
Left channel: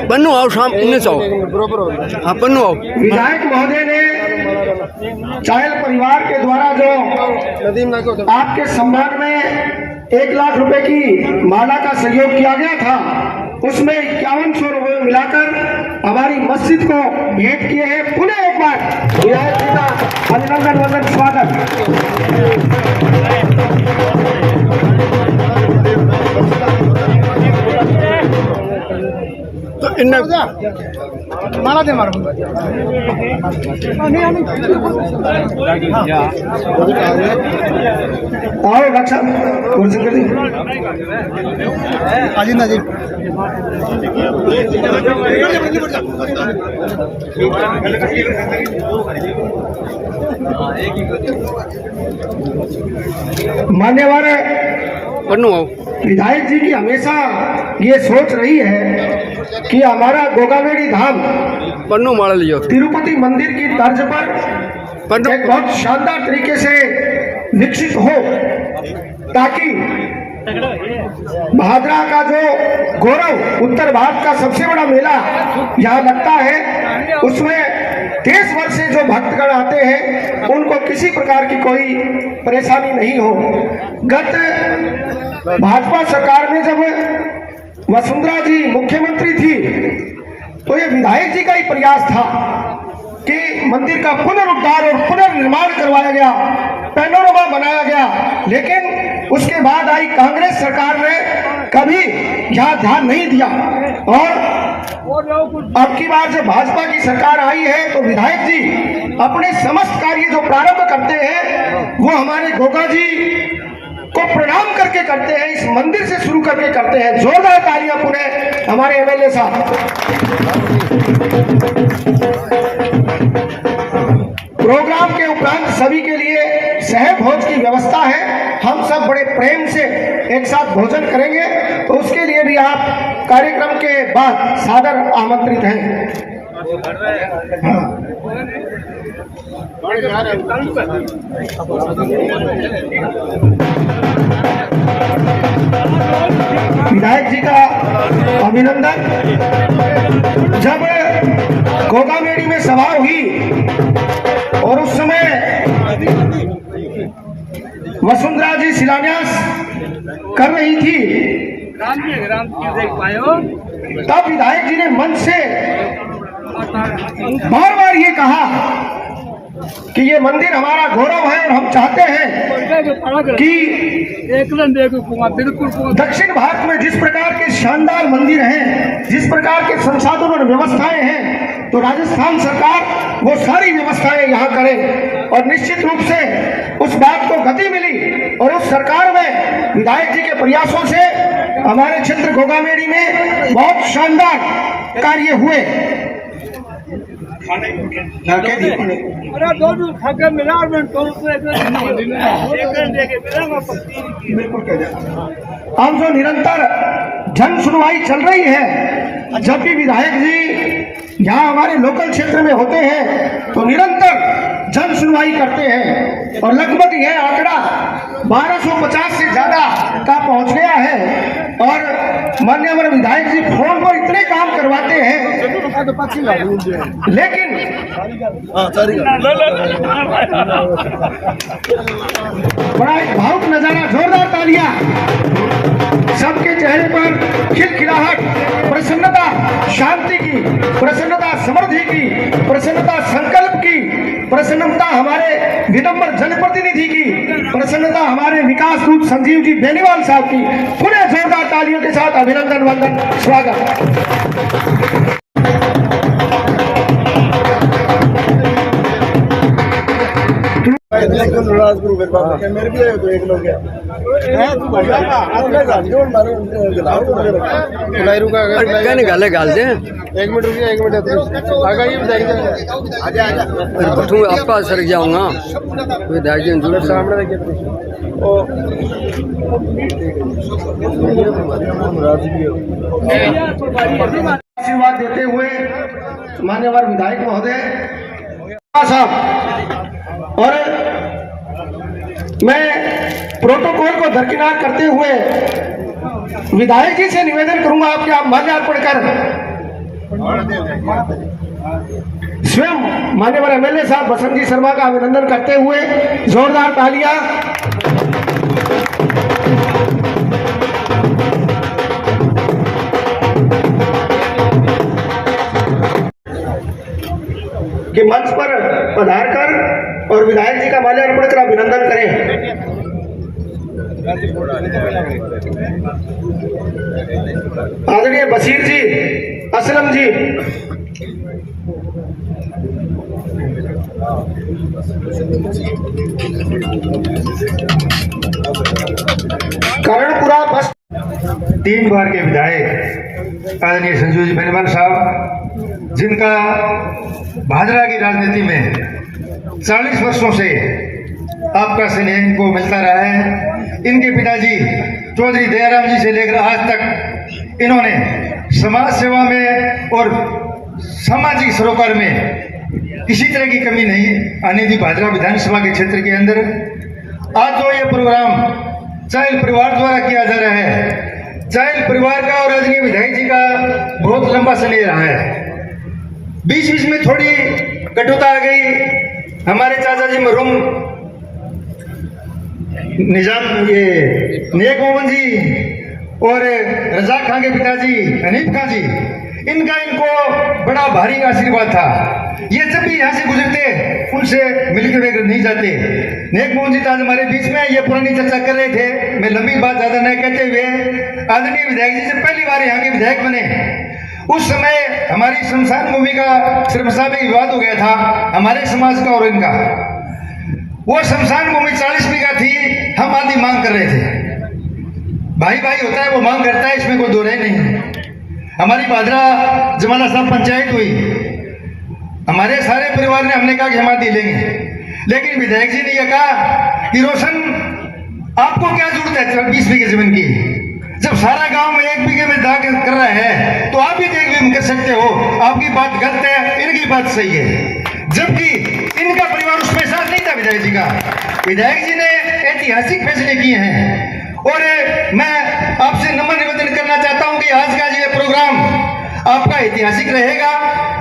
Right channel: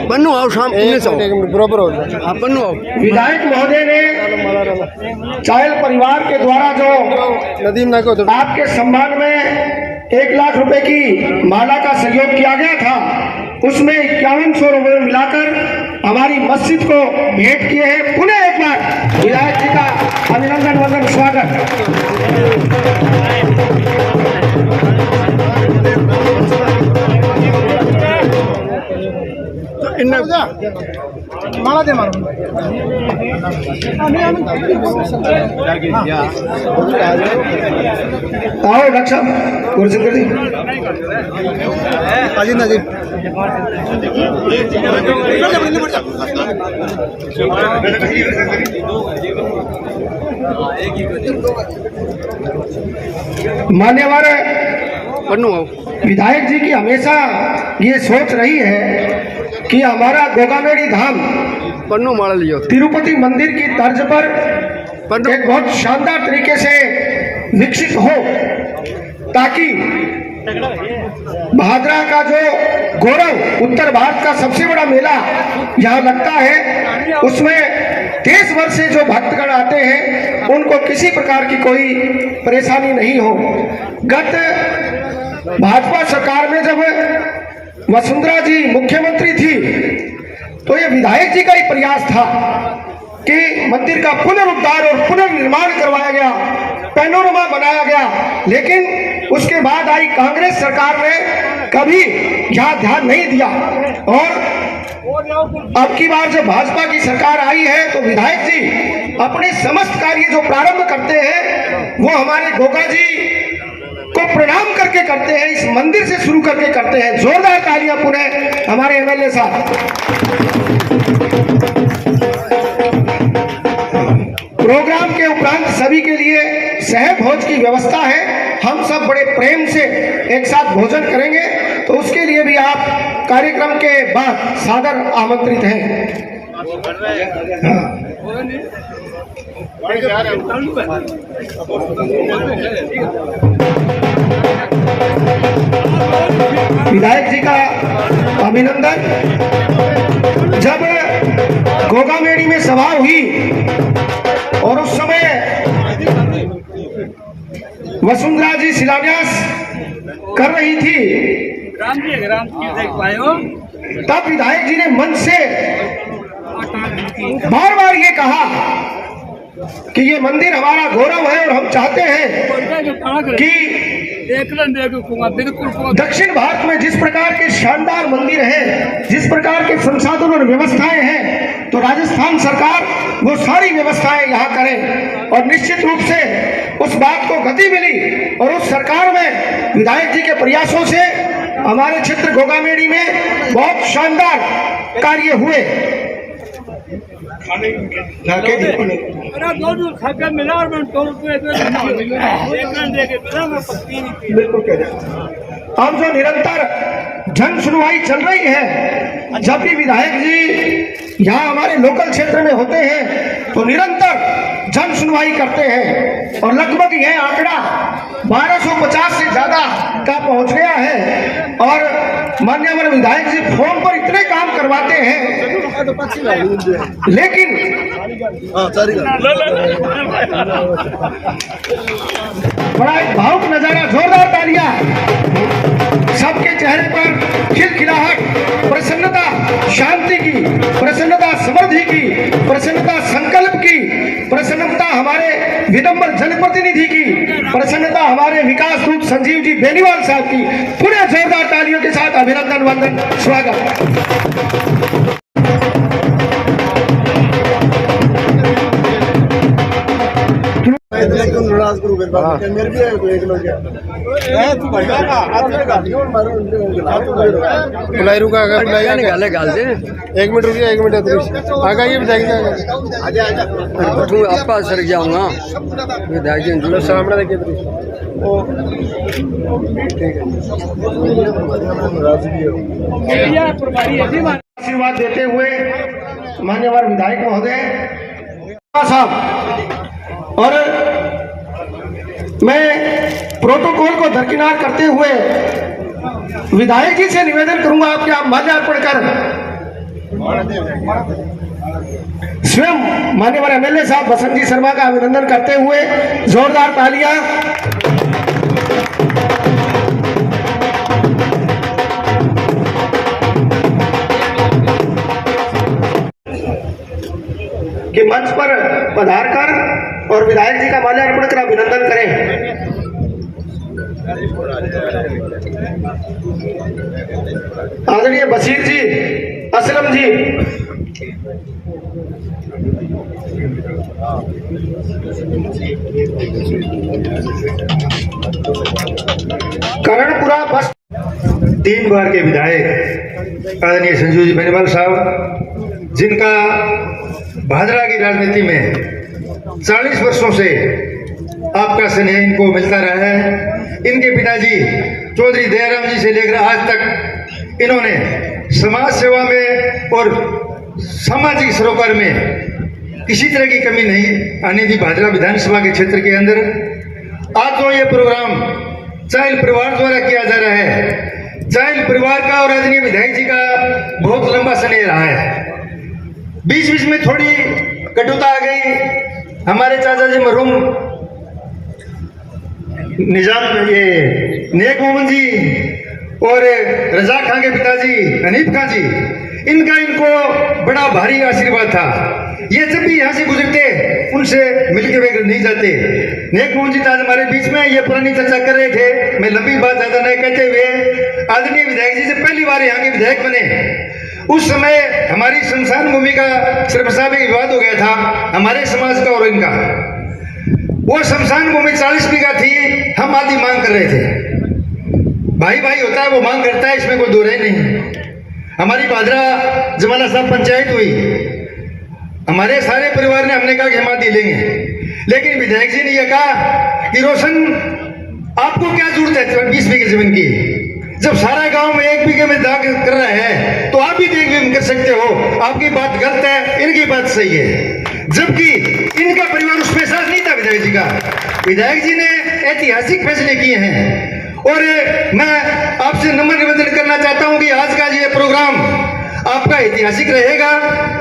पन्नू आओ शाम इन्हें सौ बराबर हो गया। हाँ पन्नू आओ। विधायक महोदय ने चायल परिवार के द्वारा जो नदीम ना को आपके सम्मान में 1 लाख रुपए की माला का सहयोग किया गया था, उसमें 5100 रुपये मिलाकर हमारी मस्जिद को भेंट किए हैं। पुनः एक बार विधायक जी का अभिनंदन वंदन स्वागत। तो इन्हें माला दे मारो आओ रक्षा गुरशंकर जी। अजीत नाजी मान्यवर पन्नू आओ। विधायक जी की हमेशा ये सोच रही है कि हमारा गोगामेड़ी धाम पन्नू मार लियो तिरुपति मंदिर की तर्ज पर पन्नू एक बहुत शानदार तरीके से विकसित हो, ताकि भादरा का जो गौरव, उत्तर भारत का सबसे बड़ा मेला यहाँ लगता है, उसमें देश भर से जो भक्तगण आते हैं उनको किसी प्रकार की कोई परेशानी नहीं हो। गत भाजपा सरकार में जब वसुंधरा जी मुख्यमंत्री थी तो ये विधायक जी का ही प्रयास था कि मंदिर का पुनरुद्धार और पुनर्निर्माण करवाया गया, पैनोरमा बनाया गया, लेकिन उसके बाद आई कांग्रेस सरकार ने कभी यहाँ ध्यान नहीं दिया और अब की बार जब भाजपा की सरकार आई है तो विधायक जी अपने समस्त कार्य जो प्रारंभ करते हैं वो हमारे गोगा जी को प्रणाम करके करते हैं, इस मंदिर से शुरू करके करते हैं। जोरदार तालियां पुनः हमारे एमएलए साहब। प्रोग्राम के उपरांत सभी के लिए सहज भोज की व्यवस्था है। हम सब बड़े प्रेम से एक साथ भोजन करेंगे, तो उसके लिए भी आप कार्यक्रम के बाद सादर आमंत्रित हैं। विधायक जी का अभिनंदन। जब गोगामेड़ी में सभा हुई और उस समय वसुंधरा जी शिलान्यास कर रही थी, तब विधायक जी ने मंच से बार बार ये कहा कि ये मंदिर हमारा गौरव है और हम चाहते हैं कि दक्षिण भारत में जिस प्रकार के शानदार मंदिर हैं, जिस प्रकार के संसाधन और व्यवस्थाएं हैं, तो राजस्थान सरकार वो सारी व्यवस्थाएं यहाँ करे। और निश्चित रूप से उस बात को गति मिली और उस सरकार में विधायक जी के प्रयासों से हमारे क्षेत्र गोगामेड़ी में बहुत शानदार कार्य हुए। बिल्कुल कह रहे। अब जो निरंतर जन सुनवाई चल रही है, जब भी विधायक जी यहाँ हमारे लोकल क्षेत्र में होते हैं तो निरंतर जन सुनवाई करते हैं और लगभग यह आंकड़ा 1250 से ज्यादा का पहुंच गया है। और माननीय हमारे विधायक जी फोन पर इतने काम करवाते हैं, लेकिन बड़ा एक भावुक नजारा। जोरदार तालियां। सबके चेहरे पर खिलखिलाहट, प्रसन्नता, शांति की प्रसन्नता, समृद्धि की प्रसन्नता, संकल्प की प्रसन्नता, हमारे विनम्र जनप्रतिनिधि की प्रसन्नता, हमारे विकास दूत संजीव जी बेनीवाल साहब की पूरे जोरदार तालियों के साथ अभिनंदन, वंदन, स्वागत। मेरे भी एक लोग गाले गाल दे। 1 मिनट रुकिए, 1 मिनट बठू आपका सर जाऊंगा विधायक जी सामने देखिए। आशीर्वाद देते हुए मान्यवर विधायक महोदय साहब, और मैं प्रोटोकॉल को दरकिनार करते हुए विधायक जी से निवेदन करूंगा आपके आप माल्यार्पण कर स्वयं मान्यवर एमएलए साहब बसंत जी शर्मा का अभिनंदन करते हुए जोरदार तालियां। कि मंच पर पधार कर और विधायक जी का माल्यार्पण कर अभिनंदन करें। आदरणीय बशीर जी, असलम जी, करणपुरा बस 3 बार के विधायक आदरणीय संजीव जी बेनीवाल साहब, जिनका भादरा की राजनीति में 40 वर्षों से आपका स्नेह इनको मिलता रहा है। इनके पिताजी चौधरी दयाराम जी से लेकर आज तक इन्होंने समाज सेवा में और सामाजिक सरोकार में किसी तरह की कमी नहीं आने दी भादरा विधानसभा के क्षेत्र के अंदर। आज जो ये प्रोग्राम चाइल परिवार द्वारा किया जा रहा है, चाइल परिवार का और आदरणीय विधायक जी का बहुत लंबा स्नेह रहा है। बीच बीच में थोड़ी कटुता आ गई। हमारे चाचा जी मरहूम निजाम ये नेक मोहम्मद जी और रजा खां के पिताजी हनीफ खां जी, इनको बड़ा भारी आशीर्वाद था। ये जब भी यहाँ से गुजरते उनसे मिलके वे नहीं जाते। नेक मोहन जी आज हमारे बीच में ये पुरानी चर्चा कर रहे थे। मैं लंबी बात ज्यादा नहीं कहते हुए आदरणीय विधायक जी से पहली बार यहाँ के विधायक बने उस समय हमारी शमशान भूमि का सर्वसा में विवाद हो गया था, हमारे समाज का और इनका। वो शमशान भूमि 40 बीघा थी, हम आधी मांग कर रहे थे। भाई भाई होता है, वो मांग करता है, इसमें कोई दो राय नहीं। हमारी भादरा जमाना साहब पंचायत हुई, हमारे सारे परिवार ने हमने कहा कि हम आधी लेंगे, लेकिन विधायक जी ने यह कहा कि रोशन आपको क्या जरूरत है 20 बीघे जमीन की, जब सारा गांव में 1 बीघे में दाग कर रहा है तो आप भी देख भी कर सकते हो। आपकी बात गलत है, इनकी बात सही है, जबकि इनका परिवार उसमें साथ नहीं था विधायक जी का। विधायक जी ने ऐतिहासिक फैसले किए हैं और मैं आपसे नम्र निवेदन करना चाहता हूं कि आज का ये प्रोग्राम आपका ऐतिहासिक रहेगा।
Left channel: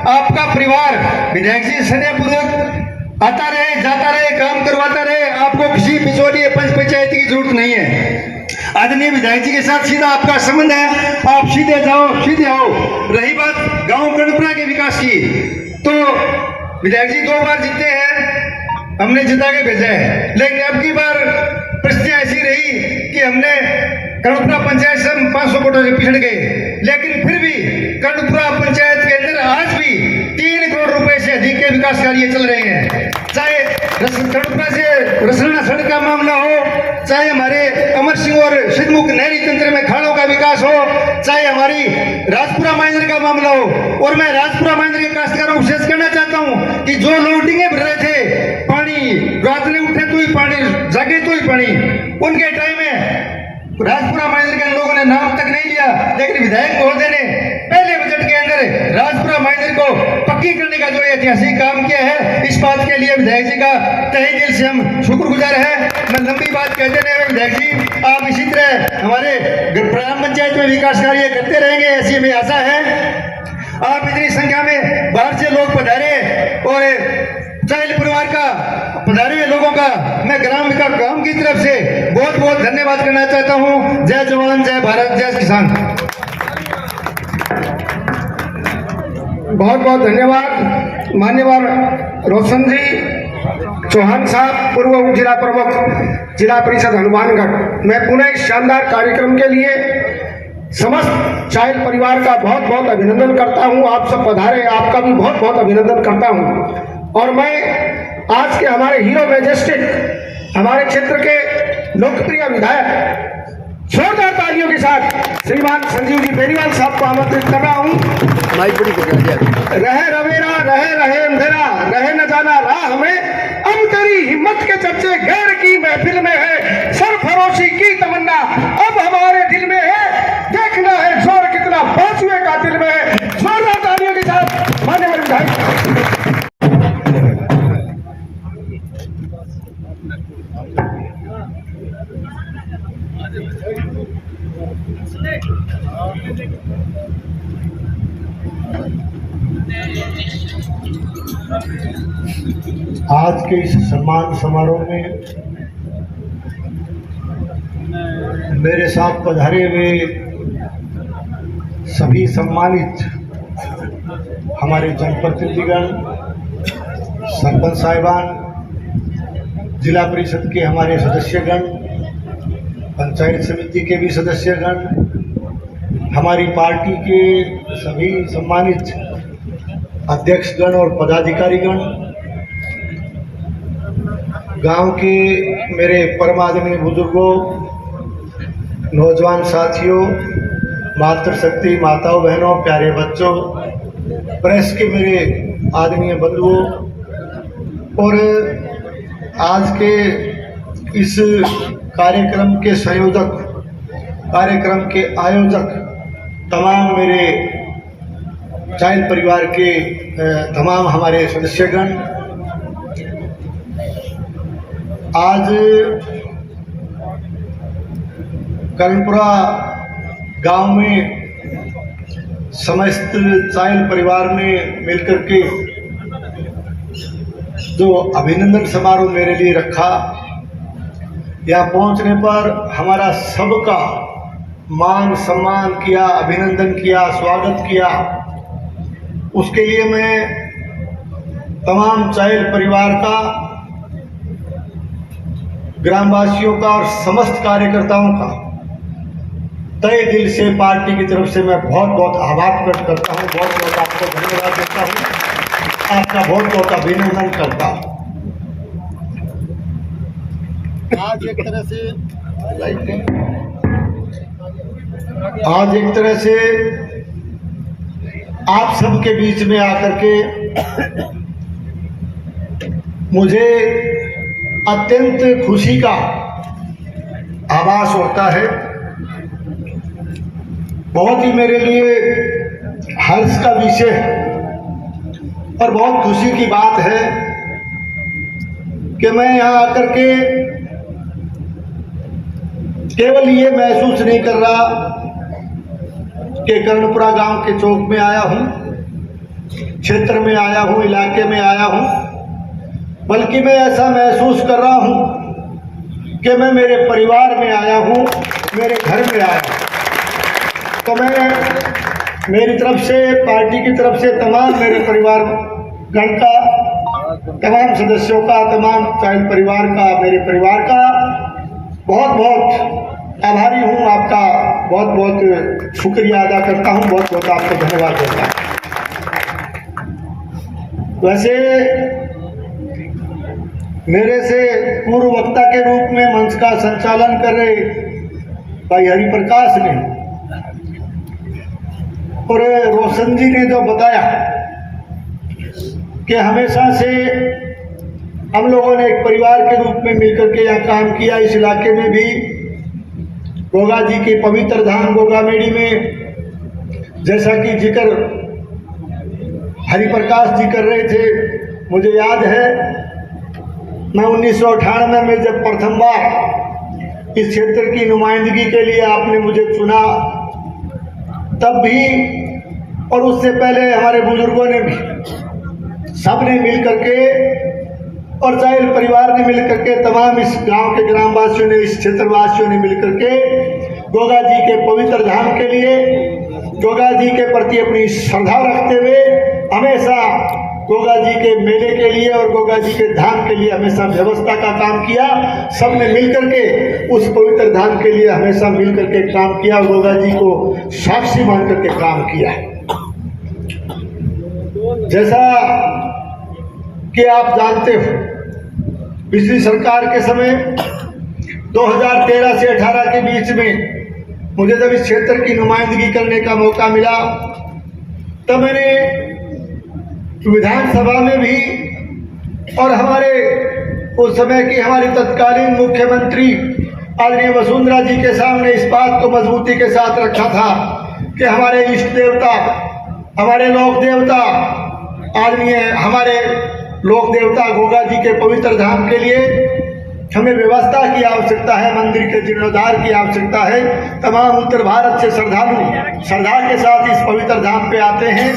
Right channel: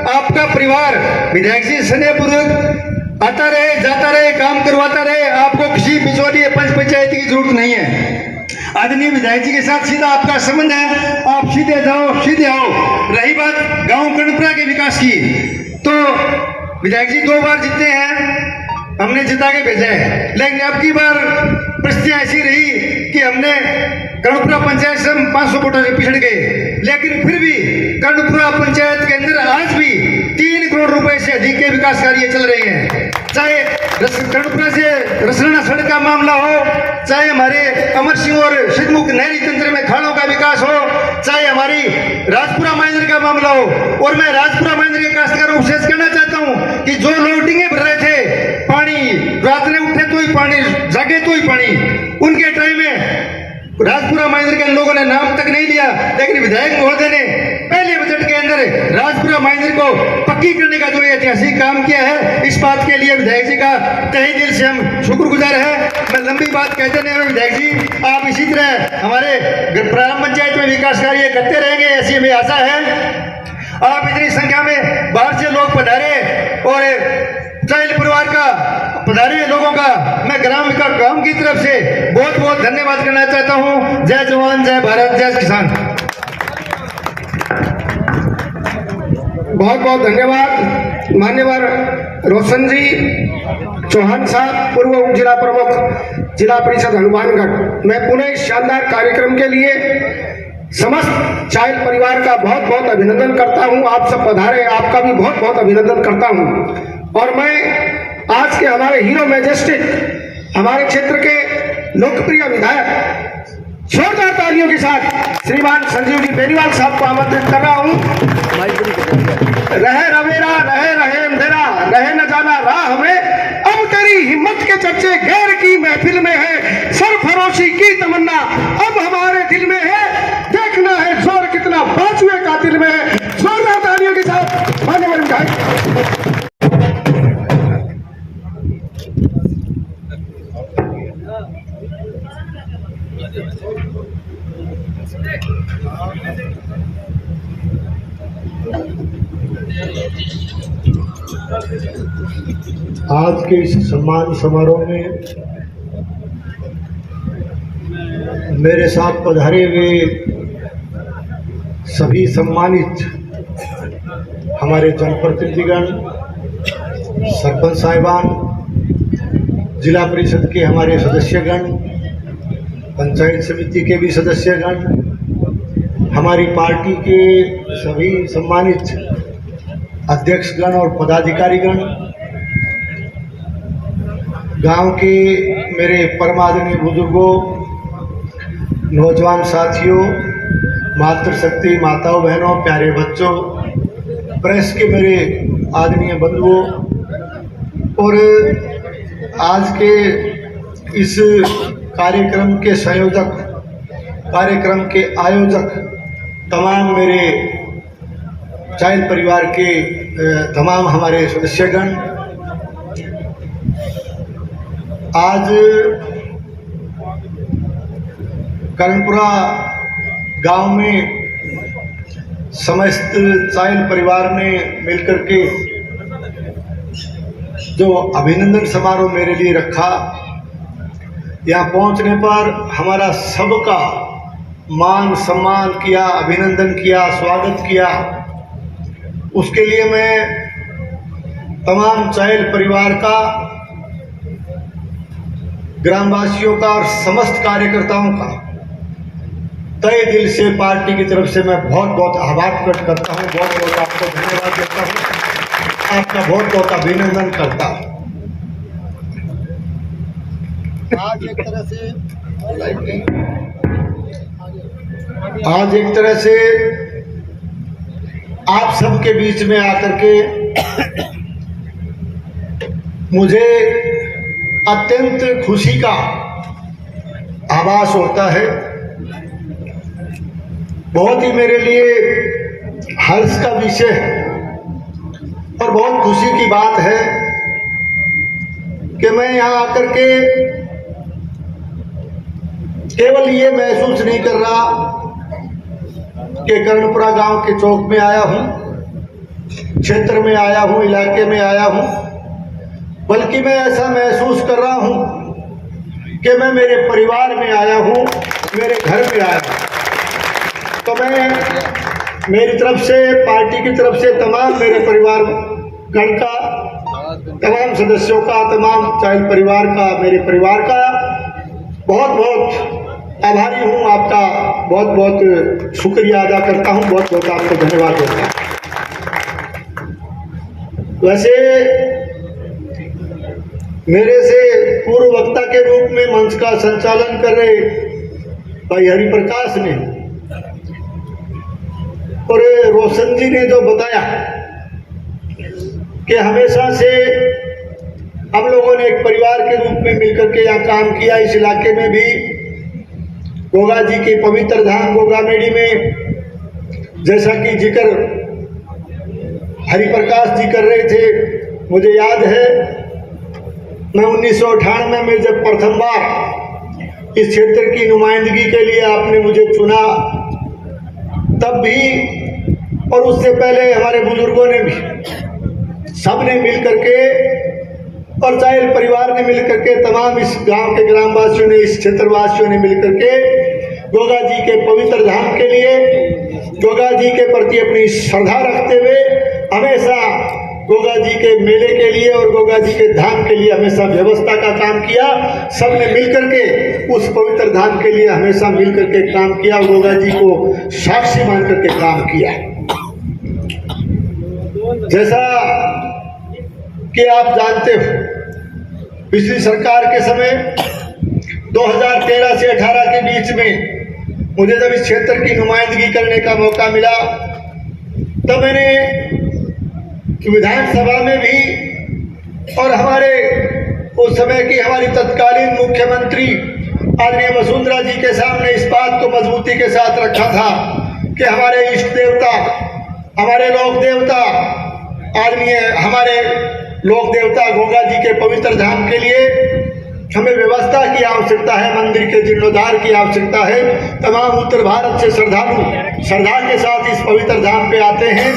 आपका परिवार विधायक जी स्नेहपूर्वक आता रहे, जाता रहे, काम करवाता रहे, आपको किसी बिचौलिए पंच की जरूरत नहीं है। आदरणीय विधायक जी के साथ सीधा आपका संबंध है, आप सीधे जाओ सीधे आओ। रही बात गांव कर्णपुरा के विकास की, तो विधायक जी 2 बार जीते हैं, हमने जिता के भेजा है, लेकिन अब की बार परिस्थितियां ऐसी रही कि हमने कर्णपुरा पंचायत से 500 वोटों से पिछड़ गए, लेकिन फिर भी कर्णपुरा पंचायत के अंदर आज भी 3 करोड़ रुपए से अधिक के विकास कार्य चल रहे हैं। चाहे कर्णपुरा से रसना सड़क का मामला हो, चाहे हमारे अमर सिंह और सिद्धमुख नहरी तंत्र में खाड़ों का विकास हो, चाहे हमारी राजपुरा महेंद्र का मामला हो। और मैं राजपुरा महेंद्र के काश्तकारों को विशेष करना चाहता हूं कि जो लोग डिंगे भर रहे थे, पानी रात में उठे तो ही पानी, जागे तो ही पानी, उनके टाइम में राजपुरा महेंद्र के लोगों ने नाम तक नहीं लिया, लेकिन विधायक महोदय ने पहले बजट के अंदर राजपुरा महेंद्र को पक्की करने का जो ऐतिहासिक काम किया है, इस बात के लिए विधायक जी का तहे दिल से हम शुक्रगुजार हैं। मैं लंबी बात कहते नहीं हूं, विधायक जी आप इसी तरह हमारे ग्राम पंचायत में विकास कार्य करते रहेंगे, ऐसी हमें आशा है। आप इतनी संख्या में बाहर से लोग पधारे और चाइल परिवार का पधारे हुए लोगों का मैं ग्राम की तरफ से बहुत बहुत धन्यवाद करना चाहता हूं। जय जवान, जय भारत, जय किसान। बहुत बहुत धन्यवाद मान्यवर रोशन जी चौहान साहब, पूर्व उप जिला प्रमुख जिला परिषद हनुमानगढ़। मैं पुनः इस शानदार कार्यक्रम के लिए समस्त चाइल परिवार का बहुत बहुत अभिनंदन करता हूं। आप सब पधारे, आपका भी बहुत बहुत अभिनंदन करता हूं। और मैं आज के हमारे हीरो मैजेस्टिक, हमारे क्षेत्र के लोकप्रिय विधायक जोरदार तालियों के साथ श्रीमान संजीव जी बेनीवाल साहब को आमंत्रित कर रहा हूं। रहे रवेरा, रहे अंधेरा, रहे न जाना राह हमें, अब तेरी हिम्मत के चर्चे गैर की महफिल में है, सरफरोशी की तमन्ना अब हमारे दिल में है, देखना है जोर कितना बाजुए का दिल में है। जोरदार तालियों के साथ माननीय विधायक। आज के इस सम्मान समारोह में मेरे साथ पधारे हुए सभी सम्मानित हमारे जनप्रतिनिधिगण, सरपंच साहिबान, जिला परिषद के हमारे सदस्यगण, पंचायत समिति के भी सदस्यगण, हमारी पार्टी के सभी सम्मानित अध्यक्षगण और पदाधिकारीगण, गांव के मेरे परमादरणीय बुजुर्गों, नौजवान साथियों, मातृशक्ति माताओं बहनों, प्यारे बच्चों, प्रेस के मेरे आदरणीय बंधुओं और आज के इस कार्यक्रम के संयोजक, कार्यक्रम के आयोजक, तमाम मेरे चाइल परिवार के तमाम हमारे सदस्यगण, आज कर्णपुरा गांव में समस्त चाइल परिवार ने मिलकर के जो अभिनंदन समारोह मेरे लिए रखा, यहाँ पहुंचने पर हमारा सबका मान सम्मान किया, अभिनंदन किया, स्वागत किया, उसके लिए मैं तमाम चाइल परिवार का, ग्रामवासियों का और समस्त कार्यकर्ताओं का तहे दिल से पार्टी की तरफ से मैं बहुत बहुत आभार प्रकट करता हूँ, बहुत बहुत आपको धन्यवाद देता हूँ, आपका बहुत बहुत अभिनंदन करता हूँ। आज एक तरह से आप सबके बीच में आकर के मुझे अत्यंत खुशी का आभास होता है। बहुत ही मेरे लिए हर्ष का विषय और बहुत खुशी की बात है कि मैं यहाँ आकर के केवल ये महसूस नहीं कर रहा कि कर्णपुरा गांव के चौक में आया हूँ, क्षेत्र में आया हूँ, इलाके में आया हूँ, बल्कि मैं ऐसा महसूस कर रहा हूँ कि मैं मेरे परिवार में आया हूँ, मेरे घर में आया हूँ। तो मैं मेरी तरफ से, पार्टी की तरफ से तमाम मेरे परिवार गण का, तमाम सदस्यों का, तमाम चाइल परिवार का, मेरे परिवार का बहुत बहुत आभारी हूँ। आपका बहुत बहुत शुक्रिया अदा करता हूँ, बहुत बहुत आपको धन्यवाद देता हूँ। वैसे मेरे से पूर्व वक्ता के रूप में मंच का संचालन कर रहे भाई हरिप्रकाश ने और रोशन जी ने जो बताया कि हमेशा से हम लोगों ने एक परिवार के रूप में मिलकर के यहाँ काम किया। इस इलाके में भी गोगा जी के पवित्र धाम गोगामेड़ी में जैसा कि जिक्र हरिप्रकाश जी कर रहे थे, मुझे याद है मैं 1998 में जब प्रथम बार इस क्षेत्र की नुमाइंदगी के लिए आपने मुझे चुना, तब भी और उससे पहले हमारे बुजुर्गों ने भी सबने मिल करके और चाइल परिवार ने मिल करके, तमाम इस गांव के ग्रामवासियों ने, इस क्षेत्रवासियों ने मिल करके गोगा जी के पवित्र धाम के लिए, गोगा जी के प्रति अपनी श्रद्धा रखते हुए हमेशा गोगा जी के मेले के लिए और गोगा जी के धाम के लिए हमेशा व्यवस्था का काम किया। सबने मिल करके उस पवित्र धाम के लिए हमेशा मिल करके काम किया, गोगा जी को साक्षी मान करके काम किया। जैसा कि आप जानते हो, पिछली सरकार के समय 2013 से 18 के बीच में मुझे जब इस क्षेत्र की नुमाइंदगी करने का मौका मिला, तब मैंने विधानसभा में भी और हमारे उस समय की हमारी तत्कालीन मुख्यमंत्री आदरणीय वसुंधरा जी के सामने इस बात को मजबूती के साथ रखा था कि हमारे इष्ट देवता, हमारे लोक देवता, आदरणीय हमारे लोक देवता गोगा जी के पवित्र धाम के लिए हमें व्यवस्था की आवश्यकता है, मंदिर के जीर्णोद्धार की आवश्यकता है। तमाम उत्तर भारत से श्रद्धालु श्रद्धा के साथ इस पवित्र धाम पे आते हैं,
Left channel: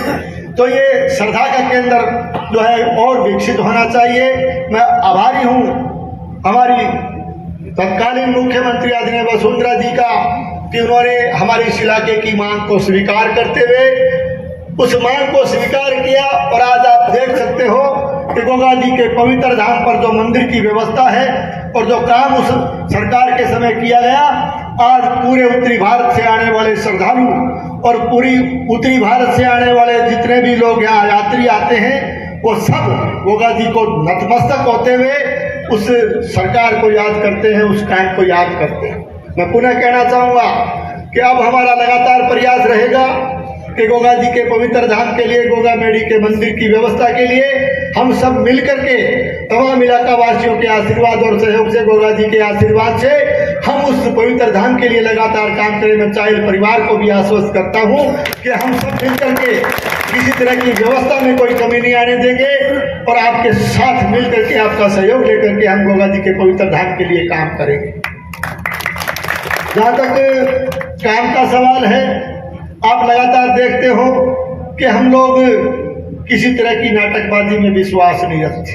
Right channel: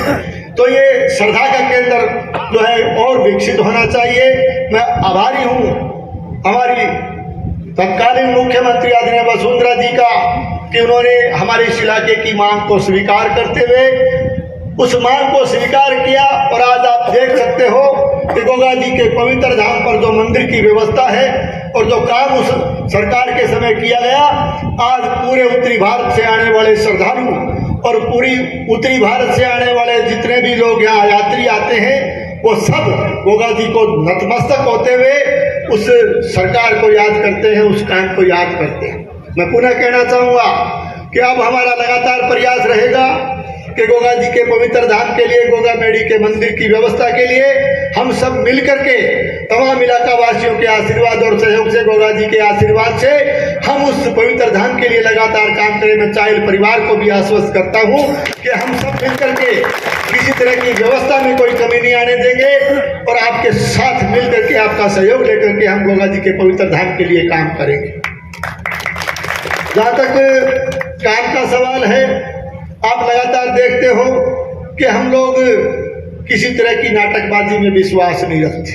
तो ये श्रद्धा का केंद्र जो है और विकसित होना चाहिए। मैं आभारी हूँ हमारी तत्कालीन मुख्यमंत्री आदरणीय वसुंधरा जी का कि उन्होंने हमारे इस इलाके की मांग को स्वीकार करते हुए उस मांग को स्वीकार किया और आज आप देख सकते हो कि गोगा जी के पवित्र धाम पर जो मंदिर की व्यवस्था है और जो काम उस सरकार के समय किया गया, आज पूरे उत्तरी भारत से आने वाले श्रद्धालु और पूरी उत्तरी भारत से आने वाले जितने भी लोग यहाँ यात्री आते हैं, वो सब गोगा जी को नतमस्तक होते हुए उस सरकार को याद करते हैं, उस टाइम को याद करते हैं। मैं पुनः कहना चाहूँगा कि अब हमारा लगातार प्रयास रहेगा कि गोगा जी के पवित्र धाम के लिए, गोगामेड़ी के मंदिर की व्यवस्था के लिए हम सब मिल करके तमाम इलाका वासियों के आशीर्वाद और सहयोग से, गोगा जी के आशीर्वाद से हम उस पवित्र धाम के लिए लगातार काम करें। मैं चाइल परिवार को भी आश्वस्त करता हूँ कि हम सब मिल करके किसी तरह की व्यवस्था में कोई कमी नहीं आने देंगे और आपके साथ मिल करके, आपका सहयोग लेकर के हम गोगा जी के पवित्र धाम के लिए काम करेंगे। जहाँ तक काम का सवाल है, आप लगातार देखते हो कि हम लोग किसी तरह की नाटकबाजी में विश्वास नहीं रखते,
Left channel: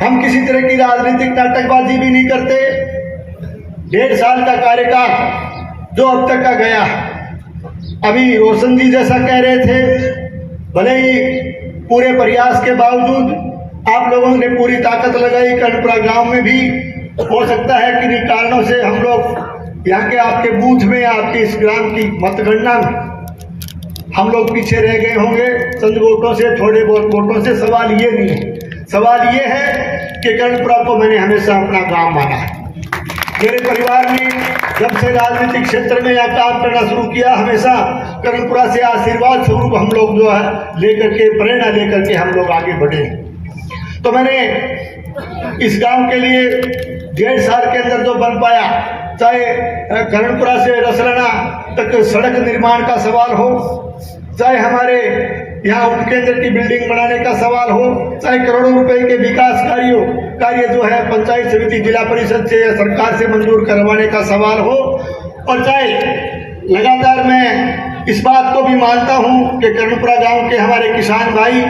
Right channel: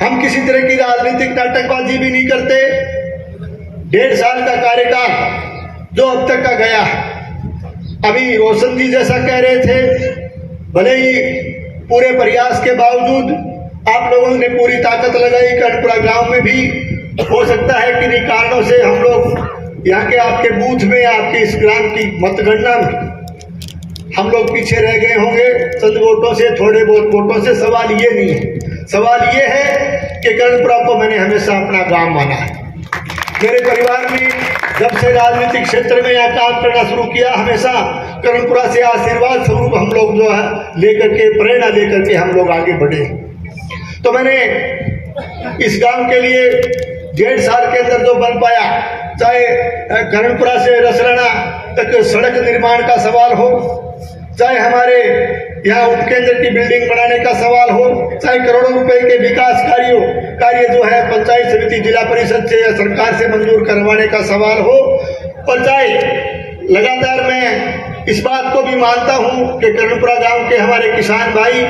हम किसी तरह की राजनीतिक नाटकबाजी भी नहीं करते। 1.5 साल का कार्यकाल जो अब तक का गया, अभी रोशन जी जैसा कह रहे थे, भले ही पूरे प्रयास के बावजूद आप लोगों ने पूरी ताकत लगाई, कर्णपुरा गांव में भी हो सकता है कि कारणों से हम लोग यहाँ के आपके बूथ में, आपके इस ग्राम की मतगणना में हम लोग पीछे रह गए होंगे चंद वोटों से, थोड़े बहुत वोटों से। सवाल ये नहीं है, सवाल ये है कि कर्णपुरा को मैंने हमेशा अपना गांव माना है। मेरे परिवार में जब से राजनीतिक क्षेत्र में यह काम करना शुरू किया, हमेशा कर्णपुरा से आशीर्वाद स्वरूप हम लोग जो है लेकर के, प्रेरणा लेकर के हम लोग आगे बढ़े। तो मैंने इस गांव के लिए 1.5 साल के अंदर जो बन पाया, चाहे कर्णपुरा से रसराना तक सड़क निर्माण का सवाल हो, चाहे हमारे यहाँ उपकेंद्र की बिल्डिंग बनाने का सवाल हो, चाहे करोड़ों रुपए के विकास कार्य जो है पंचायत समिति, जिला परिषद से या सरकार से मंजूर करवाने का सवाल हो, और चाहे लगातार मैं इस बात को भी मानता हूँ कि कर्णपुरा गांव के हमारे किसान भाई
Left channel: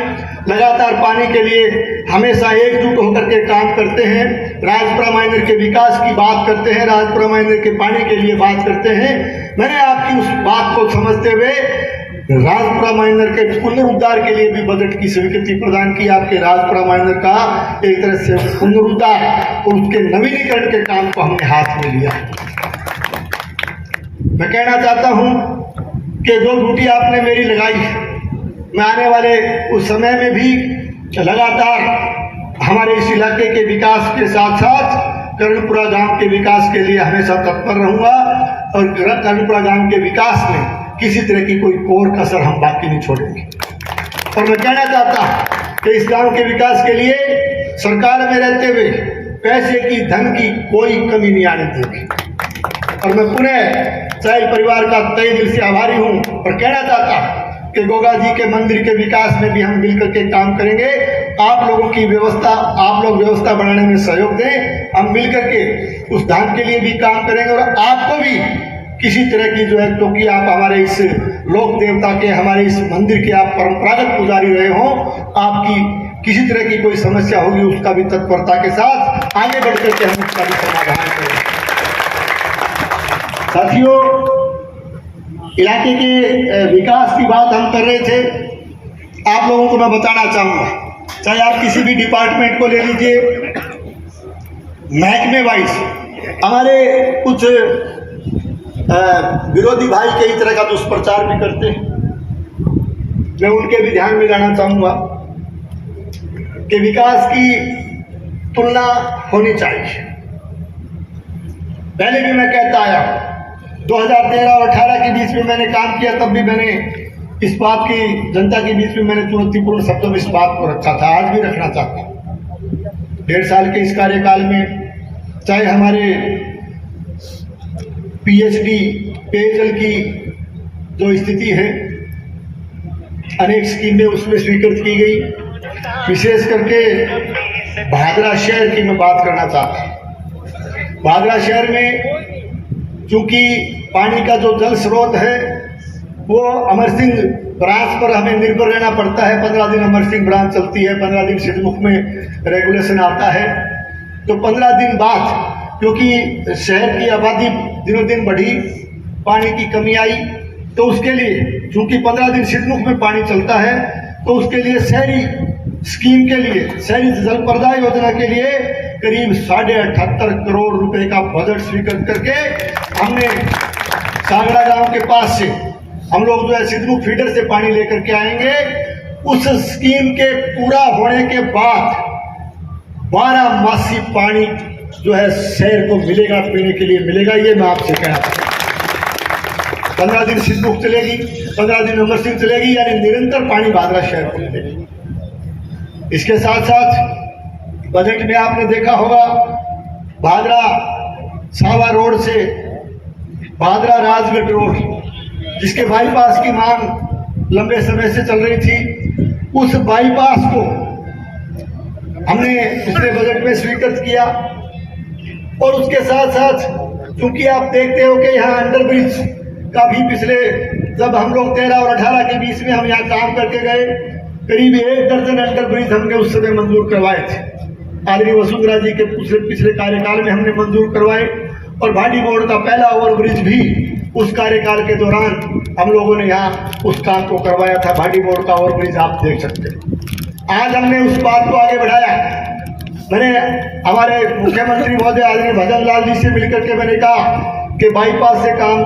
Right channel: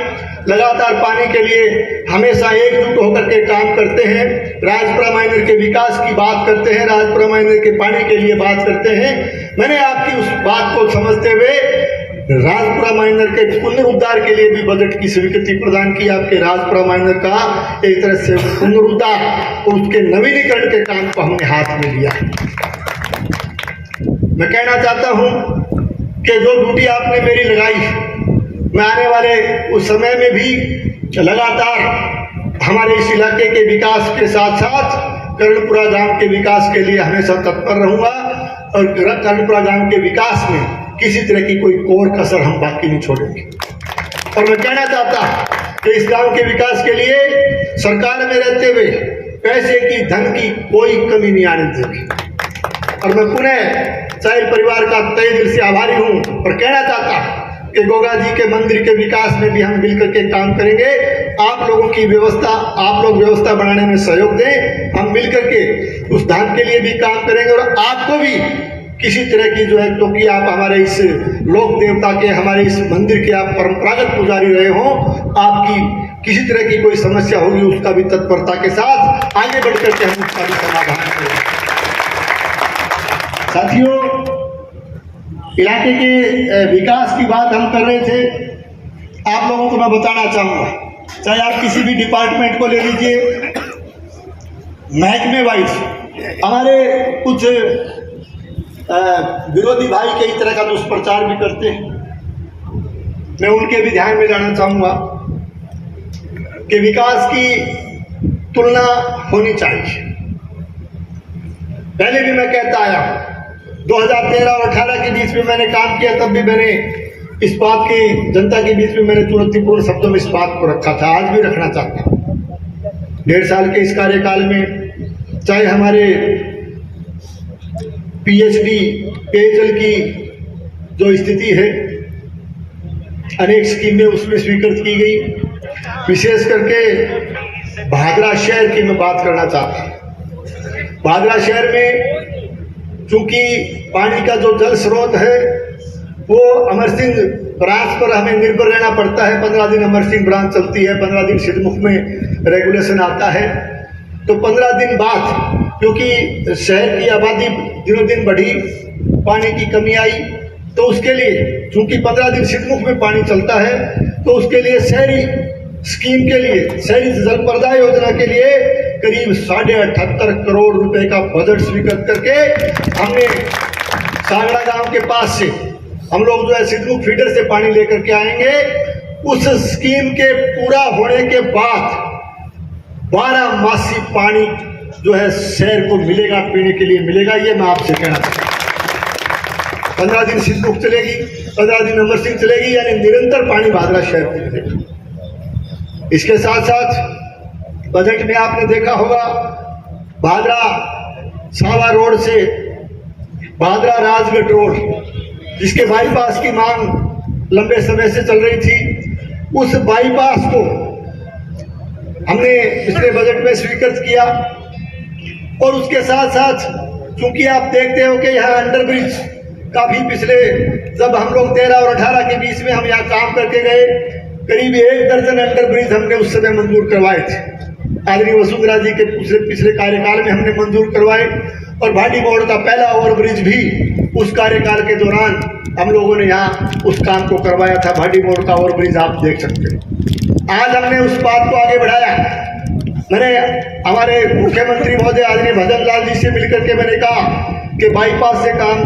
लगातार पानी के लिए हमेशा एकजुट होकर के काम करते हैं, राजपुरा माइनर के विकास की बात करते हैं, राजपुरा माइनर के पानी के लिए बात करते हैं। मैंने आपकी उस बात को समझते हुए राजपुरा माइनर के पुनरुद्धार के लिए भी बजट की स्वीकृति प्रदान की। आपके राजपुरा माइनर का एक तरह से पुनरुद्धार और उसके नवीनीकरण के काम को हमने हाथ में लिया। मैं कहना चाहता हूं कि जो ड्यूटी आपने मेरी लगाई, मैं आने वाले उस समय में भी लगातार हमारे इस इलाके के विकास के साथ साथ कर्णपुरा गांव के विकास के लिए हमेशा तत्पर रहूंगा, और कर्णपुरा गांव के विकास में किसी तरह की कोई कोर कसर हम बाकी नहीं छोड़ेंगे। और मैं कहना चाहता हूं कि इस गांव के विकास के लिए सरकार में रहते हुए पैसे की, धन की कोई कमी नहीं आने देंगे। और मैं पुनः चाइल परिवार का तहे दिल से आभारी हूं और कहना चाहता हूं कि गोगा जी के मंदिर के विकास में भी हम मिलकर के काम करेंगे। आप लोगों की व्यवस्था, आप लोग व्यवस्था बनाने में सहयोग दें, हम मिलकर के उस धाम के लिए भी काम करेंगे। और आपको भी किसी तरह की जो है, क्योंकि आप हमारे इस लोक देवता के, हमारे इस मंदिर के आप परंपरागत पुजारी रहे हो, आपकी किसी तरह की कोई समस्या होगी उसका भी तत्परता के साथ आगे बढ़ करके हम उसका भी समाधान करें। साथियों, इलाके के विकास की बात हम कर रहे थे। आप लोगों को मैं बताना चाहूँगा, चाहे आप किसी भी डिपार्टमेंट को ले लीजिए, महकमे वाइज हमारे कुछ विरोधी भाई कई तरह का दुष्प्रचार भी करते हैं। मैं उनके भी ध्यान में लाना चाहूँगा कि विकास की तुलना होनी चाहिए। पहले भी मैं कहता आया हूँ, 2013 और 18 के बीच में मैंने काम किया, तब भी मैंने इस बात की जनता के बीच में मैंने चुनौतीपूर्ण शब्दों में इस बात को रखा था, आज भी रखना चाहता हूँ। 1.5 साल के इस कार्यकाल में चाहे हमारे पीएचडी पेयजल की जो स्थिति है, अनेक स्कीमें उसमें स्वीकृत की गई। विशेष करके भादरा शहर की मैं बात करना चाहता हूँ। भादरा शहर में चूंकि पानी का जो जल स्रोत है वो अमर सिंह ब्रांच पर हमें निर्भर रहना पड़ता है। 15 दिन अमर सिंह ब्रांच चलती है, 15 दिन सिद्धमुख में रेगुलेशन आता है। तो 15 दिन बाद क्योंकि शहर की आबादी दिनों दिन बढ़ी, पानी की कमी आई, तो उसके लिए चूंकि 15 दिन सिद्धमुख में पानी चलता है, तो उसके लिए शहरी स्कीम के लिए, शहरी जल प्रदाय योजना के लिए करीब 78.5 करोड़ रुपए का बजट स्वीकृत करके हमने सागड़ा गांव के पास से हम लोग जो है सिद्धमुख फीडर से पानी लेकर के आएंगे। उस स्कीम के पूरा होने के बाद 12 मासी पानी जो है शहर को मिलेगा, पीने के लिए मिलेगा। ये मैं आपसे कहना चाहता हूं। 15 दिन सिद्धमुख चलेगी, 15 दिन अमर सिंह चलेगी, यानी निरंतर पानी भादरा शहर को मिलेगा। इसके साथ साथ बजट में आपने देखा होगा, भादरा सावा रोड से भादरा राजगढ़ रोड, जिसके बाईपास की मांग लंबे समय से चल रही थी, उस बाईपास को हमने पिछले बजट में स्वीकृत किया। और उसके साथ साथ चूंकि आप देखते हो कि यहाँ अंडरब्रिज का भी पिछले, जब हम लोग 13 और 18 के बीच में हम यहाँ काम करके गए, करीब 1 दर्जन अंडरब्रिज हमने उस समय मंजूर करवाए थे। आदरणीय वसुंधरा जी के पिछले कार्यकाल में हमने मंजूर करवाए। और भाटी मोड़ का पहला ओवरब्रिज भी उस कार्यकाल के दौरान हम लोगों ने यहाँ उस काम को करवाया था। भाटी मोड़ का ओवरब्रिज आप देख सकते हैं। आज हमने उस बात को आगे बढ़ाया। मैंने हमारे मुख्यमंत्री महोदय आदरणीय भजन लाल जी से मिलकर के मैंने कहा कि बाईपास से काम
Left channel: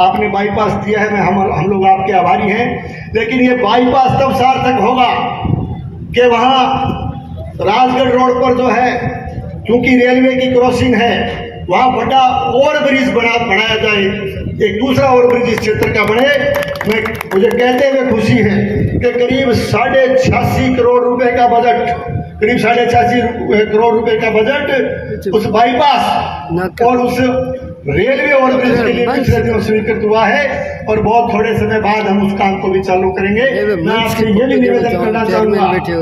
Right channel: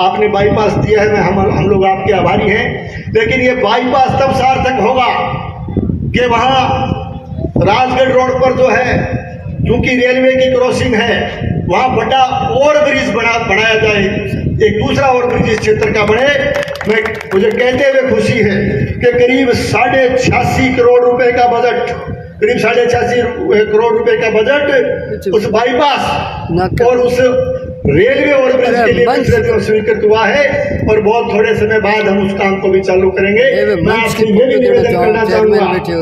आपने बाईपास दिया है, हम लोग आपके आभारी हैं। लेकिन ये बाईपास तब सार्थक होगा कि वहाँ राजगढ़ रोड पर जो है, क्योंकि रेलवे की क्रॉसिंग है, वहाँ बड़ा ओवर ब्रिज बनाया जाए, एक दूसरा ओवर ब्रिज इस क्षेत्र का बने। मुझे कहते हुए खुशी है कि करीब 86.5 करोड़ रुपए का बजट, करीब 86.5 करोड़ रुपए का बजट उस बाईपास और उस रेलवे ओवर ब्रिज के लिए पिछले दिनों स्वीकृत हुआ है और बहुत थोड़े समय बाद हम उस काम को भी चालू करेंगे। मैं आपसे ये भी निवेदन करना चाहूंगा कि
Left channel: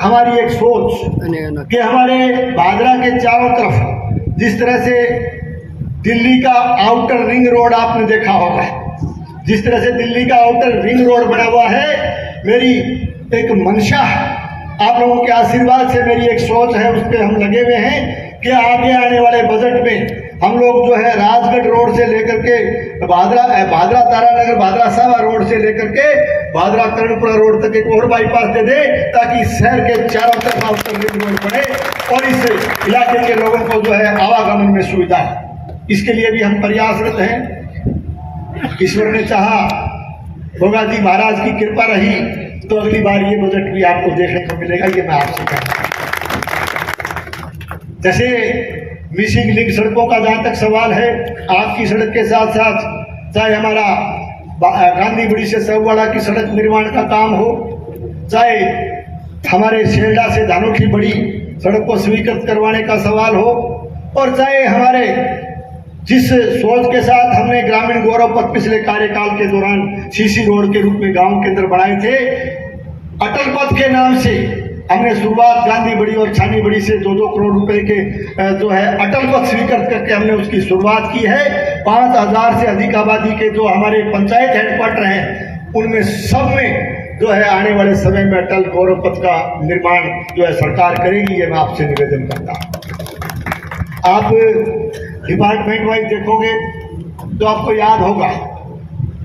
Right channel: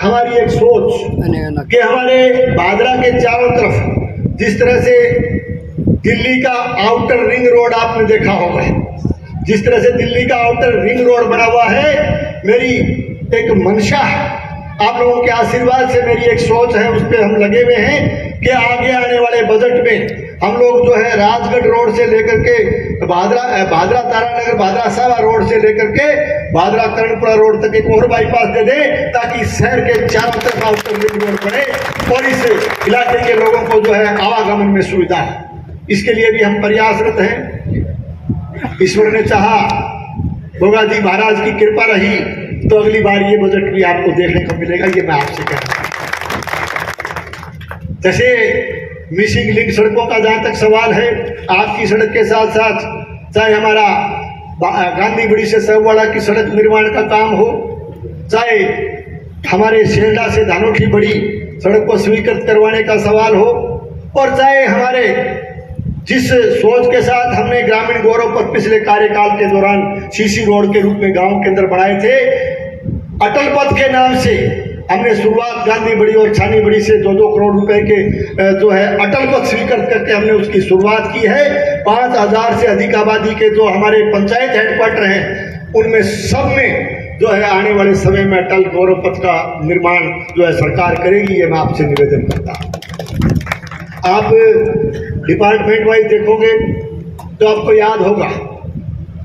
हमारी एक सोच कि हमारे भादरा के चारों तरफ जिस तरह से दिल्ली का आउटर रिंग रोड आपने देखा होगा, जिस तरह से दिल्ली का आउटर रिंग रोड बना हुआ है, मेरी एक मंशा है, आप लोगों के आशीर्वाद से मेरी एक सोच है, उस पर हम लगे हुए हैं कि आगे आने वाले बजट में हम लोग जो है राजगढ़ रोड से लेकर के भादरा तारानगर भादरा सावा रोड से लेकर के भादरा कर्णपुरा रोड तक एक और बाईपास दे दें, ताकि शहर के चारों तरफ आउटर रिंग रोड बने और इस इलाके के लोगों को जो है आवागमन में सुविधा है। इसके लिए भी हम प्रयासरत हैं। ईश्वर ने चाहा, गोगा जी महाराज की कृपा रही तो अगली बार ये बजट भी आपको देखने को मिलेगा, ये मैं आपसे कहता हूं। जैसे मिसिंग लिंक सड़कों का जहां तक सवाल है, आपकी सड़क के साथ साथ चाहे हमारा गांधी बड़ी से सहुवाड़ा की सड़क निर्माण का काम हो, चाहे हमारे सेल्डा से धानोठी बड़ी सड़क को स्वीकृत करवाने का सवाल हो, और चाहे हमारे जिस सोच के साथ हमने ग्रामीण गौरव पथ पिछले कार्यकाल के दौरान सीसी रोड के रूप में गांव के अंदर बनाए थे, अटल पथ के नाम से हमने शुरुआत गांधी बड़ी और छानी बड़ी से 2-2 करोड़ रुपए के जो है अटल पथ स्वीकृत करके हमने उसकी शुरुआत की है। 5000 से अधिक आबादी के जो हमारे पंचायत हेडक्वार्टर हैं, उनमें सब में जो है आने वाले समय में अटल गौरव पथ का निर्माण जो है सरकार करेगी, ये मैं आपसे निवेदन करता हूँ। आप डिपार्टमेंट वाइज देखोगे तो आपको याद होगा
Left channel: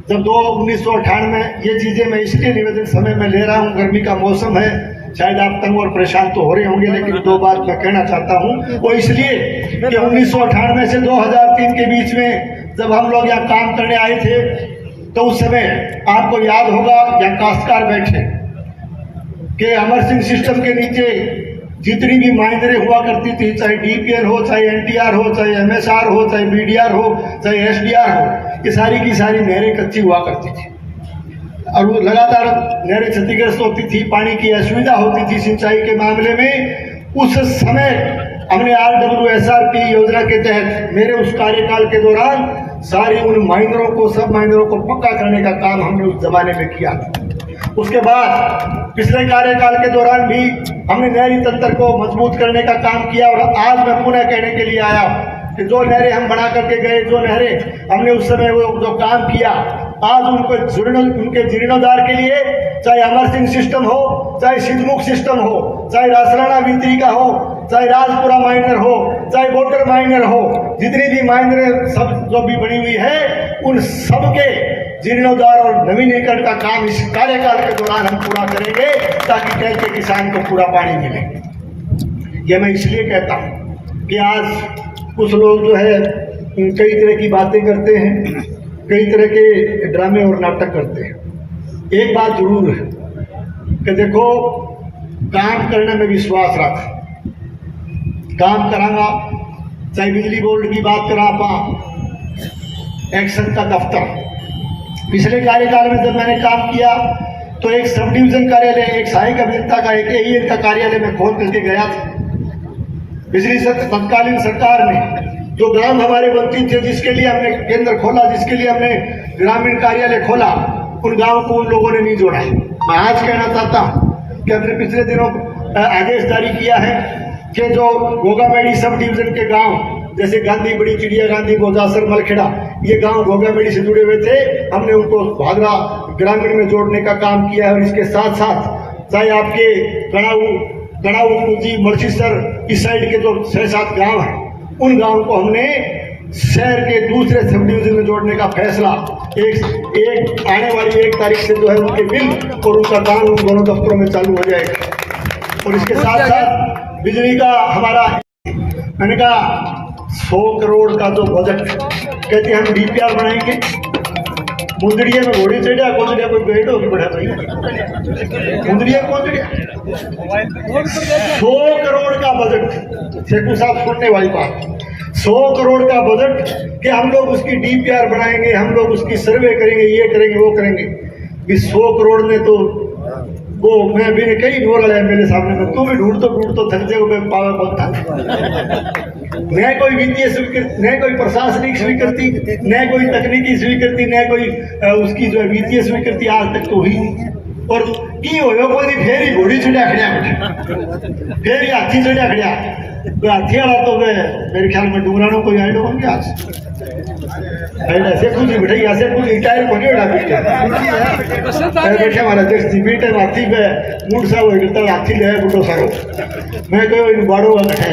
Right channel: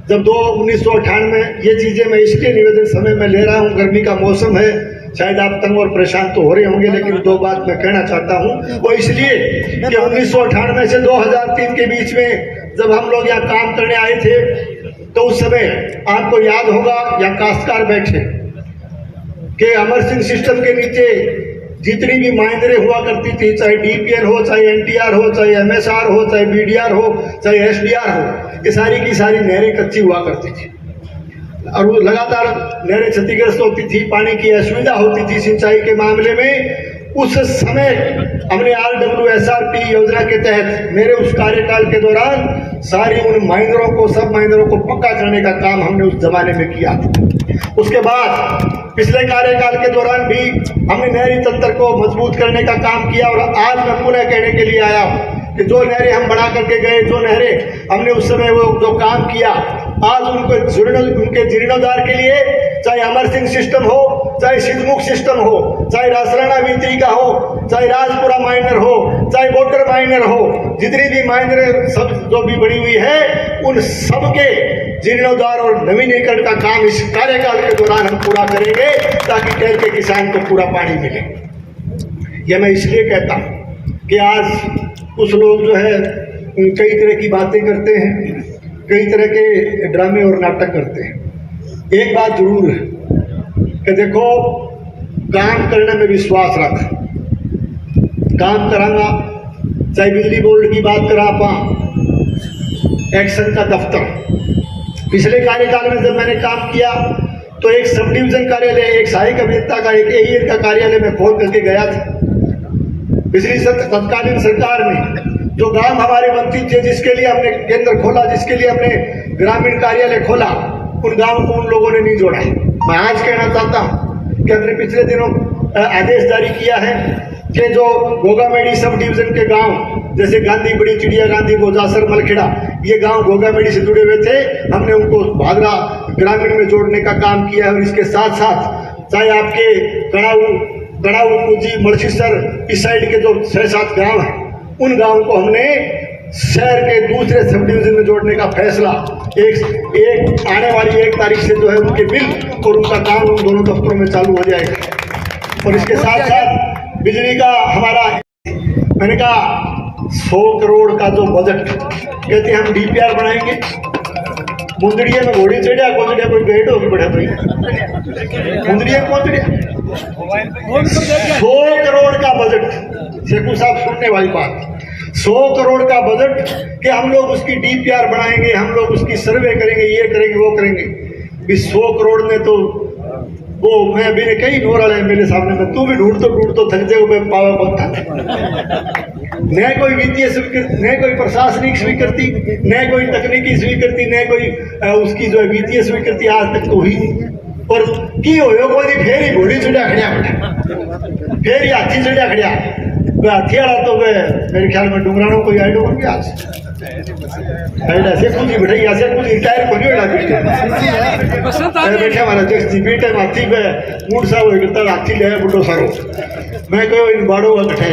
जब 1998 ये चीजें मैं इसलिए निवेदन समय में ले रहा हूँ, गर्मी का मौसम है, शायद आप तंग और परेशान तो हो रहे होंगे, लेकिन 2 बात मैं कहना चाहता हूँ। वो इसलिए कि 1998 से 2003 के बीच में जब हम लोग यहाँ काम करने आए थे, तो उस समय आपको याद होगा यहाँ काश्तकार बैठे कि अमर सिंह सिस्टम के नीचे जितनी भी माइनरें हुआ करती थी, चाहे डीपीएल हो, चाहे एनटीआर हो, चाहे एमएसआर हो, चाहे बीडीआर हो, चाहे एसडीआर हो, ये सारी की सारी नहरें कच्ची हुआ करती थी और वो लगातार नहरें क्षतिग्रस्त होती थी, पानी की असुविधा होती थी सिंचाई के मामले में। उस समय हमने RWSRP योजना के तहत मेरे उस कार्यकाल के दौरान सारी उन माइनरों को, सब माइनरों को पक्का करने का काम हमने उस जमाने में किया था। उसके बाद पिछले कार्यकाल के दौरान भी हमने नहरी तंत्र को मजबूत करने का काम किया और आज मैं पुनः कहने के लिए आया हूँ कि जो नहरें हम बढ़ा करके गए, जो नहरें हमने उस समय वो जो काम किया, आज उनके जीर्णोद्धार के लिए चाहे अमर सिंह सिस्टम हो, चाहे सिद्धमुख सिस्टम हो, चाहे रासराणा वित्री का हो, चाहे राजपुरा माइनर हो, चाहे वोटर माइनर हो, जितनी भी माइनर सब जो भी बनी हुई है, उन सबके जीर्णोद्धार और नवीनीकरण का काम इस कार्यकाल के दौरान हम पूरा करेंगे, ताकि कल के किसान को पूरा पानी मिले। यह मैं इसलिए कहता हूँ कि आज कुछ लोग जो है कई तरह की बातें करते हैं, कई तरह के ड्रामे और नाटक करते हैं। एक बात जरूर है कि देखो, काम करने में विश्वास रख, काम करांगा, चाहे बिजली बोर्ड की बात करा, एक्शन का दफ्तर, पिछले कार्यकाल में जब मैंने काम किया तो एक सब डिवीजन कार्यालय, एक सहायक अभियंता का, एक एईएन का कार्यालय में खोल करके गया था। पिछली तत्कालीन सरकार ने जो गांव हमारे मंत्री थे, जिसके लिए हमने केंद्र खोला, जिसके लिए हमने ग्रामीण कार्यालय खोला, उन गांव को उन लोगों ने नहीं जोड़ा है। मैं आज कहना चाहता हूं कि हमने पिछले दिनों आदेश जारी किया है कि जो गोगामेड़ी सब डिवीजन के गांव जैसे गांधी बड़ी, चिड़िया गांधी, गोजासर, मलखेड़ा, ये गांव गोगामेड़ी से जुड़े हुए थे, हमने उनको भादरा ग्रामीण में जोड़ने का काम किया है। और इसके साथ साथ चाहे आपके कड़ाऊ कुजी, मलसीसर, इस साइड के जो 6-7 गांव हैं, उन गांवों को हमने शहर के दूसरे सब डिवीजन में जोड़ने का फैसला एक आने वाली 1 तारीख से जो है उनके बिल और उनका काम उन दोनों दफ्तरों में चालू हो जाएगा। और इसके साथ साथ बिजली का हमारा, मैंने कहा 100 करोड़ का जो बजट कहते हम डीपीआर बनाएंगे। मुंदड़िया में घोड़ी चढ़िया कोचड़िया कोई भेड़ होगी बढ़ा तो मुंदड़िया कोचड़िया 100 करोड़ का बजट। शेखू साहब सुनने वाली बात, 100 करोड़ का बजट कि हम लोग उसकी डीपीआर बनाएंगे, हम लोग उसकी सर्वे करेंगे, ये करेंगे वो करेंगे। 100 करोड़ में तो वो मैं मेरे कई ढूंढ रहा है मेरे सामने में, तू भी ढूंढ तो थक जाओ। मैं पावा बहुत थक, न कोई वित्तीय स्वीकृति, न कोई प्रशासनिक स्वीकृति, न कोई तकनीकी स्वीकृति, न कोई उसकी जो है वित्तीय स्वीकृति आज तक तो हुई। और की हो कोई फिर ही घोड़ी चढ़िया खड़िया बैठे, फिर ही हाथी चढ़िया खड़िया। तो हाथी वाला तो मेरे ख्याल में डुमरानों को आइड होंगे आज शेखू जी बैठे शेखू जी रिटायर को नहीं बैठे हमारा देश जी बेटे हाथी पे मूड साहब करता हाथी ले बुढ़ो सारो मैं कहो इन बाड़ों का कठे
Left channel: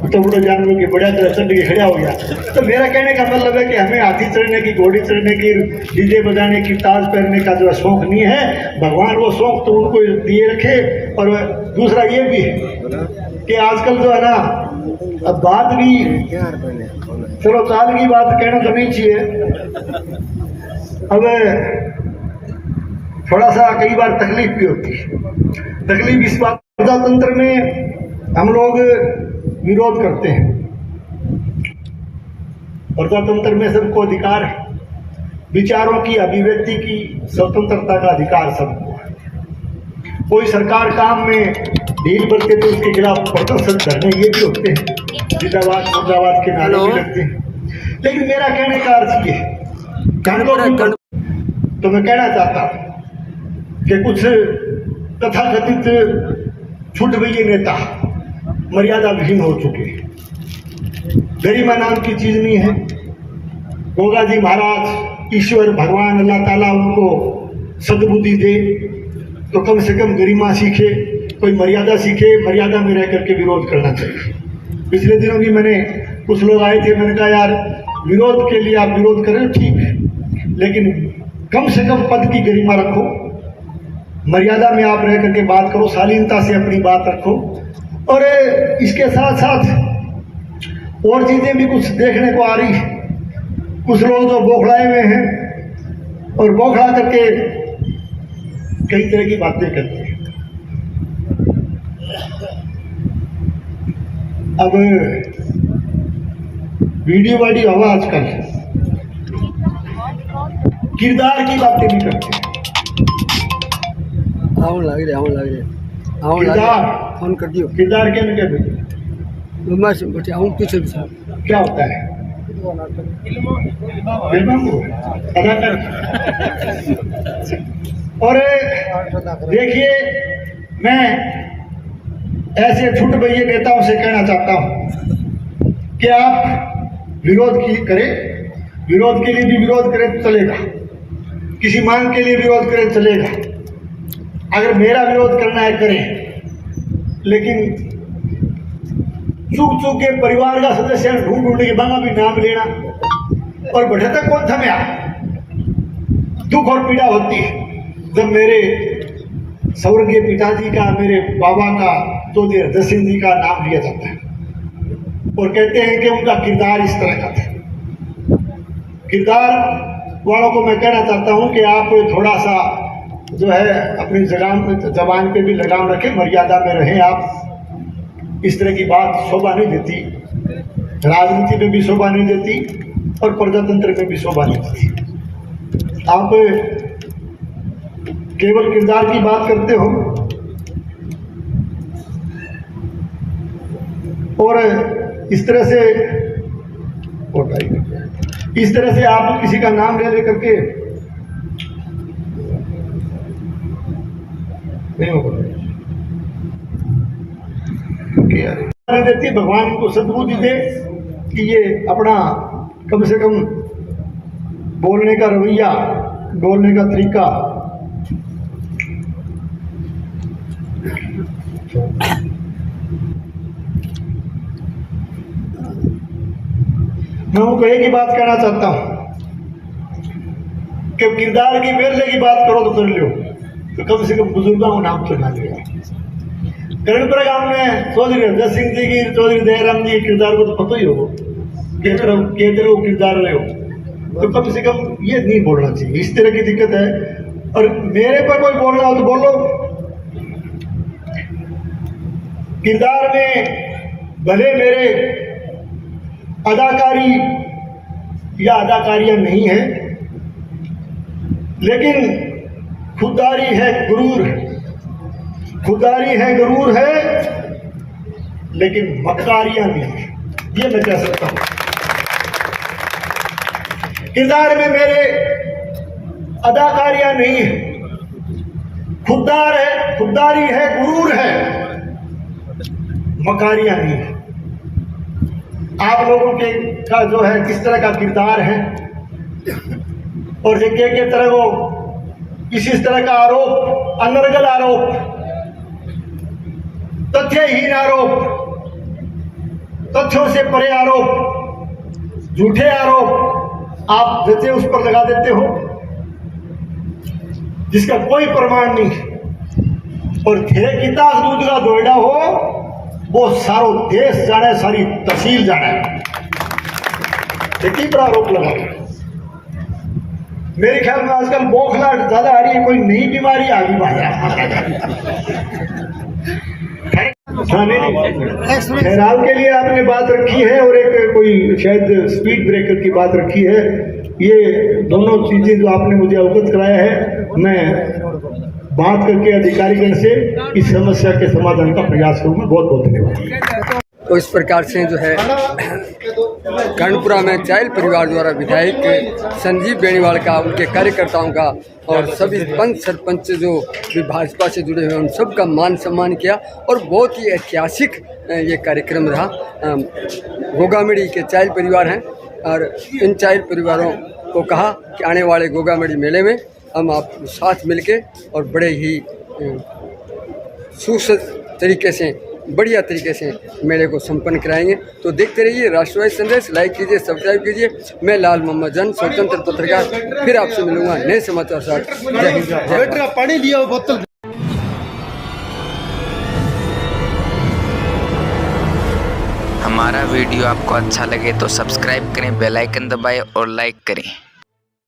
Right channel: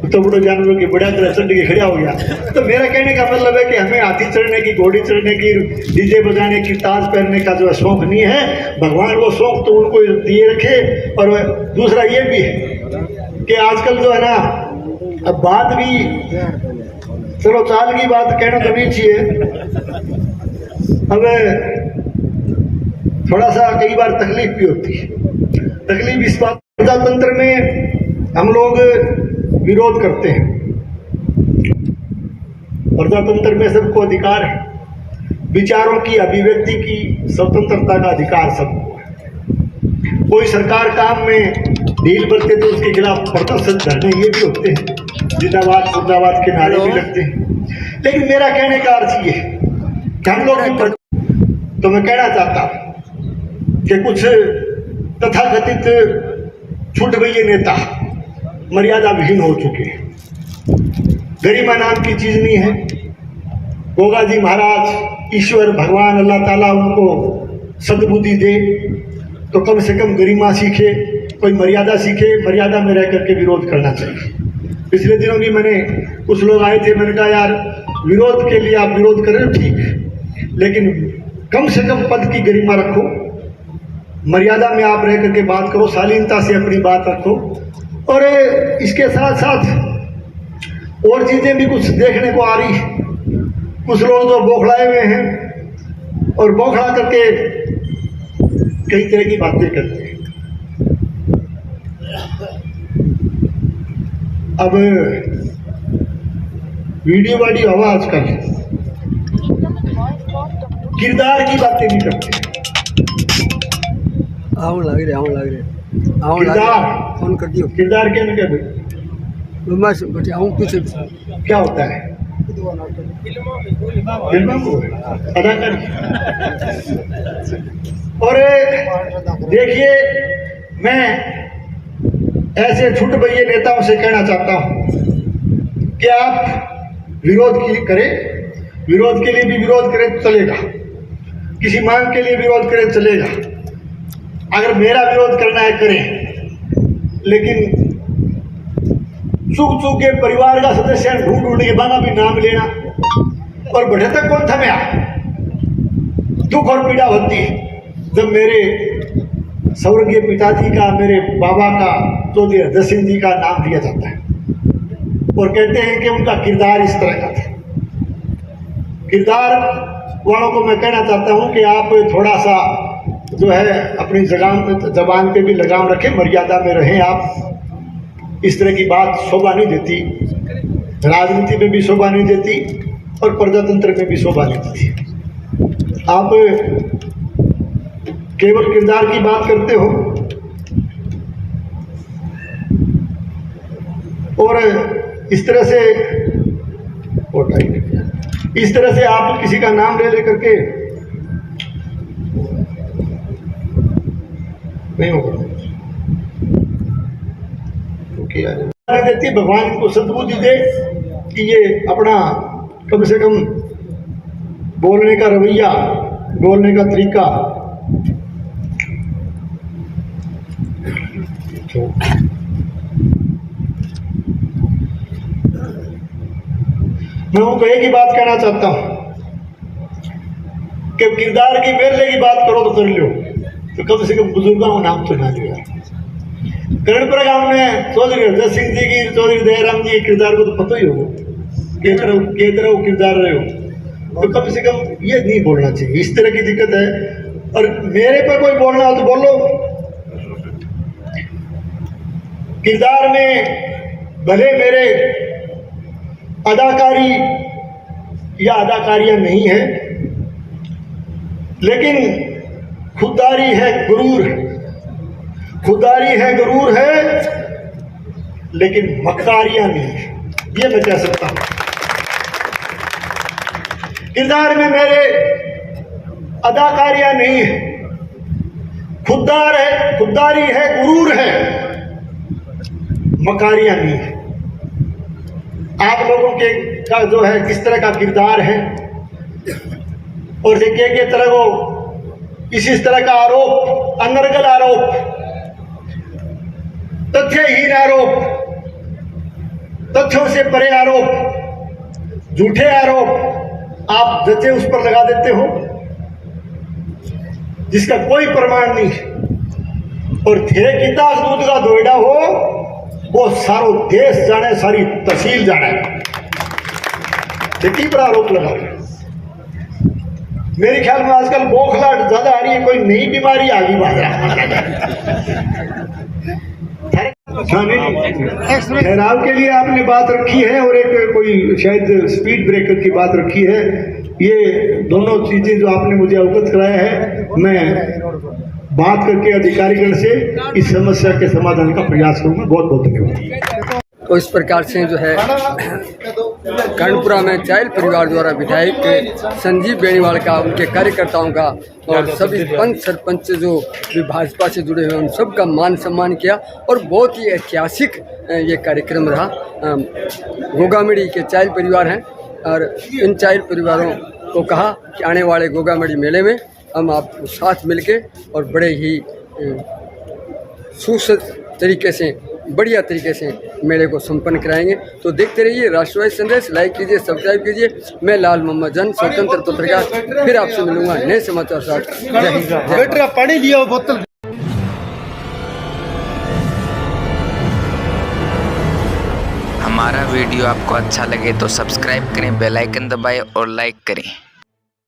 तो बुढ़ो जानवरों की बढ़िया तरह चढ़ के खड़ा हो गया। तो मेरा कहने का मतलब है कि हमें हाथी चढ़ने की, घोड़ी चढ़ने की, डीजे बजाने की, ताज पहनने का जो है शौक नहीं है। भगवान वो शौक तो उनको दिए रखे। और दूसरा ये भी है कि आजकल जो है ना, अब बात भी चलो चाल की बात कहना तो नहीं चाहिए। अब थोड़ा सा कई बार तकलीफ भी होती है। तकलीफ इस बात, प्रजातंत्र में हम लोग विरोध करते हैं। प्रजातंत्र में सबको अधिकार है, विचारों की अभिव्यक्ति की स्वतंत्रता का अधिकार सबको है। कोई सरकार काम में ढील बरते तो उसके खिलाफ प्रदर्शन धरने ये भी होते हैं, जिंदाबाद मुर्दाबाद के नारे भी लगते हैं। लेकिन मेरा कहने का अर्थ ये है, तो मैं कहना चाहता हूं कि कुछ तथाकथित छूट गए नेता मर्यादा विहीन हो चुके हैं। गरिमा नाम की चीज नहीं है। गोगा जी महाराज, ईश्वर भगवान अल्लाह ताला उनको सद्बुद्धि दे तो कम से कम गरिमा सीखे, कोई मर्यादा सीखे। मर्यादा में रह करके विरोध करना चाहिए। पिछले दिनों भी मैंने कुछ लोग आए थे, मैंने कहा यार विरोध के लिए आप विरोध करें ठीक, लेकिन कम से कम पद की गरिमा रखो, मर्यादा में आप रह करके बात करो, शालीनता से अपनी बात रखो। और इसके साथ साथ और चीजें भी कुछ देखने को आ रही है। कुछ लोग जो बौखलाए हुए हैं और बौखला करके कई तरह की बातें करते हैं। अब वीडियो वाली होगा आजकल, किरदार की बातें नहीं करते। आऊं लग रहे फोन कर दियो। किरदार क्या नहीं कहते, बस बटे आऊं पीछे क्या होता है? फिल्मों को अदाकार। और देखिए, मैं ऐसे छुट भैये नेताओं से कहना चाहता हूं कि आप विरोध करें, विरोध के लिए भी विरोध करें तो चलेगा, किसी मांग के लिए विरोध करें तो चलेगा। अगर मेरा विरोध करना है करें, लेकिन चुप के परिवार का सदस्य ढूंढ के बना भी नाम लेना और बढ़े तक कौन थमे। दुख और पीड़ा होती है जब मेरे स्वर्गीय पिताजी का, मेरे बाबा का, चौधरी हरदर सिंह जी का नाम लिया जाता है और कहते हैं कि उनका किरदार इस तरह का था। किरदार वालों को मैं कहना चाहता हूं कि आप थोड़ा सा जो है अपनी जबान पे भी लगाम रखें, मर्यादा में रहें। आप इस तरह की बात शोभा नहीं देती, राजनीति में भी शोभा नहीं देती और प्रजातंत्र में भी शोभा नहीं देती। आप केवल किरदार की बात करते हो और इस तरह से आप किसी का नाम ले करके नहीं होगा। देती भगवान को सद्बुद्धि दे कि ये अपना कम से कम बोलने का रवैया, बोलने का तरीका मैं उनको एक ही बात कहना चाहता हूं कि किरदार की मेले की बात करो तो कर लो, तो कम से कम बुजुर्गों का नाम तो ना लिया। कर्णपुरा गांव में चौधरी हरदत सिंह जी की, चौधरी दयाराम जी के किरदार को तो पता ही होगा, केंद्र किरदार रहे हो, तो कम से कम ये नहीं बोलना चाहिए, इस तरह की दिक्कत है। और मेरे पर कोई बोलना हो तो बोलो। किरदार में भले मेरे अदाकारी या अदाकारियां नहीं है, लेकिन खुददारी है, गुरूर है, खुददारी है, गुरूर है, लेकिन मक्कारियां भी है, ये मैं कह सकता हूं। किरदार में मेरे अदाकारियां नहीं है, खुददार है, खुददारी है, गुरूर है, मकारियां भी है। आप लोगों के का जो है किस तरह का किरदार है और के तरह वो किसी तरह का आरोप, अनर्गल आरोप, तथ्यहीन आरोप, तथ्यों से परे आरोप, झूठे आरोप आप जैसे उस पर लगा देते हो जिसका कोई प्रमाण नहीं, और थे किता दूध का दोयडा हो वो सारो देश जाने, सारी तहसील जाने, देखिए पर आरोप लगा रहे। मेरे ख्याल में आजकल बोखलाहट ज्यादा आ रही है, कोई नई बीमारी आ गई ठहराव के लिए आपने बात रखी है और एक कोई शायद स्पीड ब्रेकर की बात रखी है। ये दोनों चीजें जो आपने मुझे अवगत कराया है, मैं बात करके अधिकारीगण से इस समस्या के समाधान का प्रयास करूंगा। बहुत बहुत धन्यवाद। तो इस प्रकार से जो है कर्णपुरा में चायल परिवार द्वारा विधायक संजीव बेनीवाल का, उनके कार्यकर्ताओं का और सभी पंच सरपंच जो भी भाजपा से जुड़े हुए हैं उन सब का मान सम्मान किया और बहुत ही ऐतिहासिक ये कार्यक्रम रहा। गोगामेड़ी के चायल परिवार हैं और इन चायल परिवारों को कहा कि आने वाले गोगामेड़ी मेले में हम आप साथ मिलके और बड़े ही सुसज्जित तरीके से, बढ़िया तरीके से मेले को संपन्न कराएंगे। तो देखते रहिए राष्ट्रवादी संदेश, लाइक कीजिए, सब्सक्राइब कीजिए। मैं लाल मोहम्मद जन, स्वतंत्र पत्रकार, फिर आपसे मिलूंगा नए समाचार साथ। जय हिंद, जय भारत। पानी लिया बोतल। हमारा वीडियो आपको अच्छा लगे तो सब्सक्राइब करें, बेल आइकन दबाएं और लाइक करें।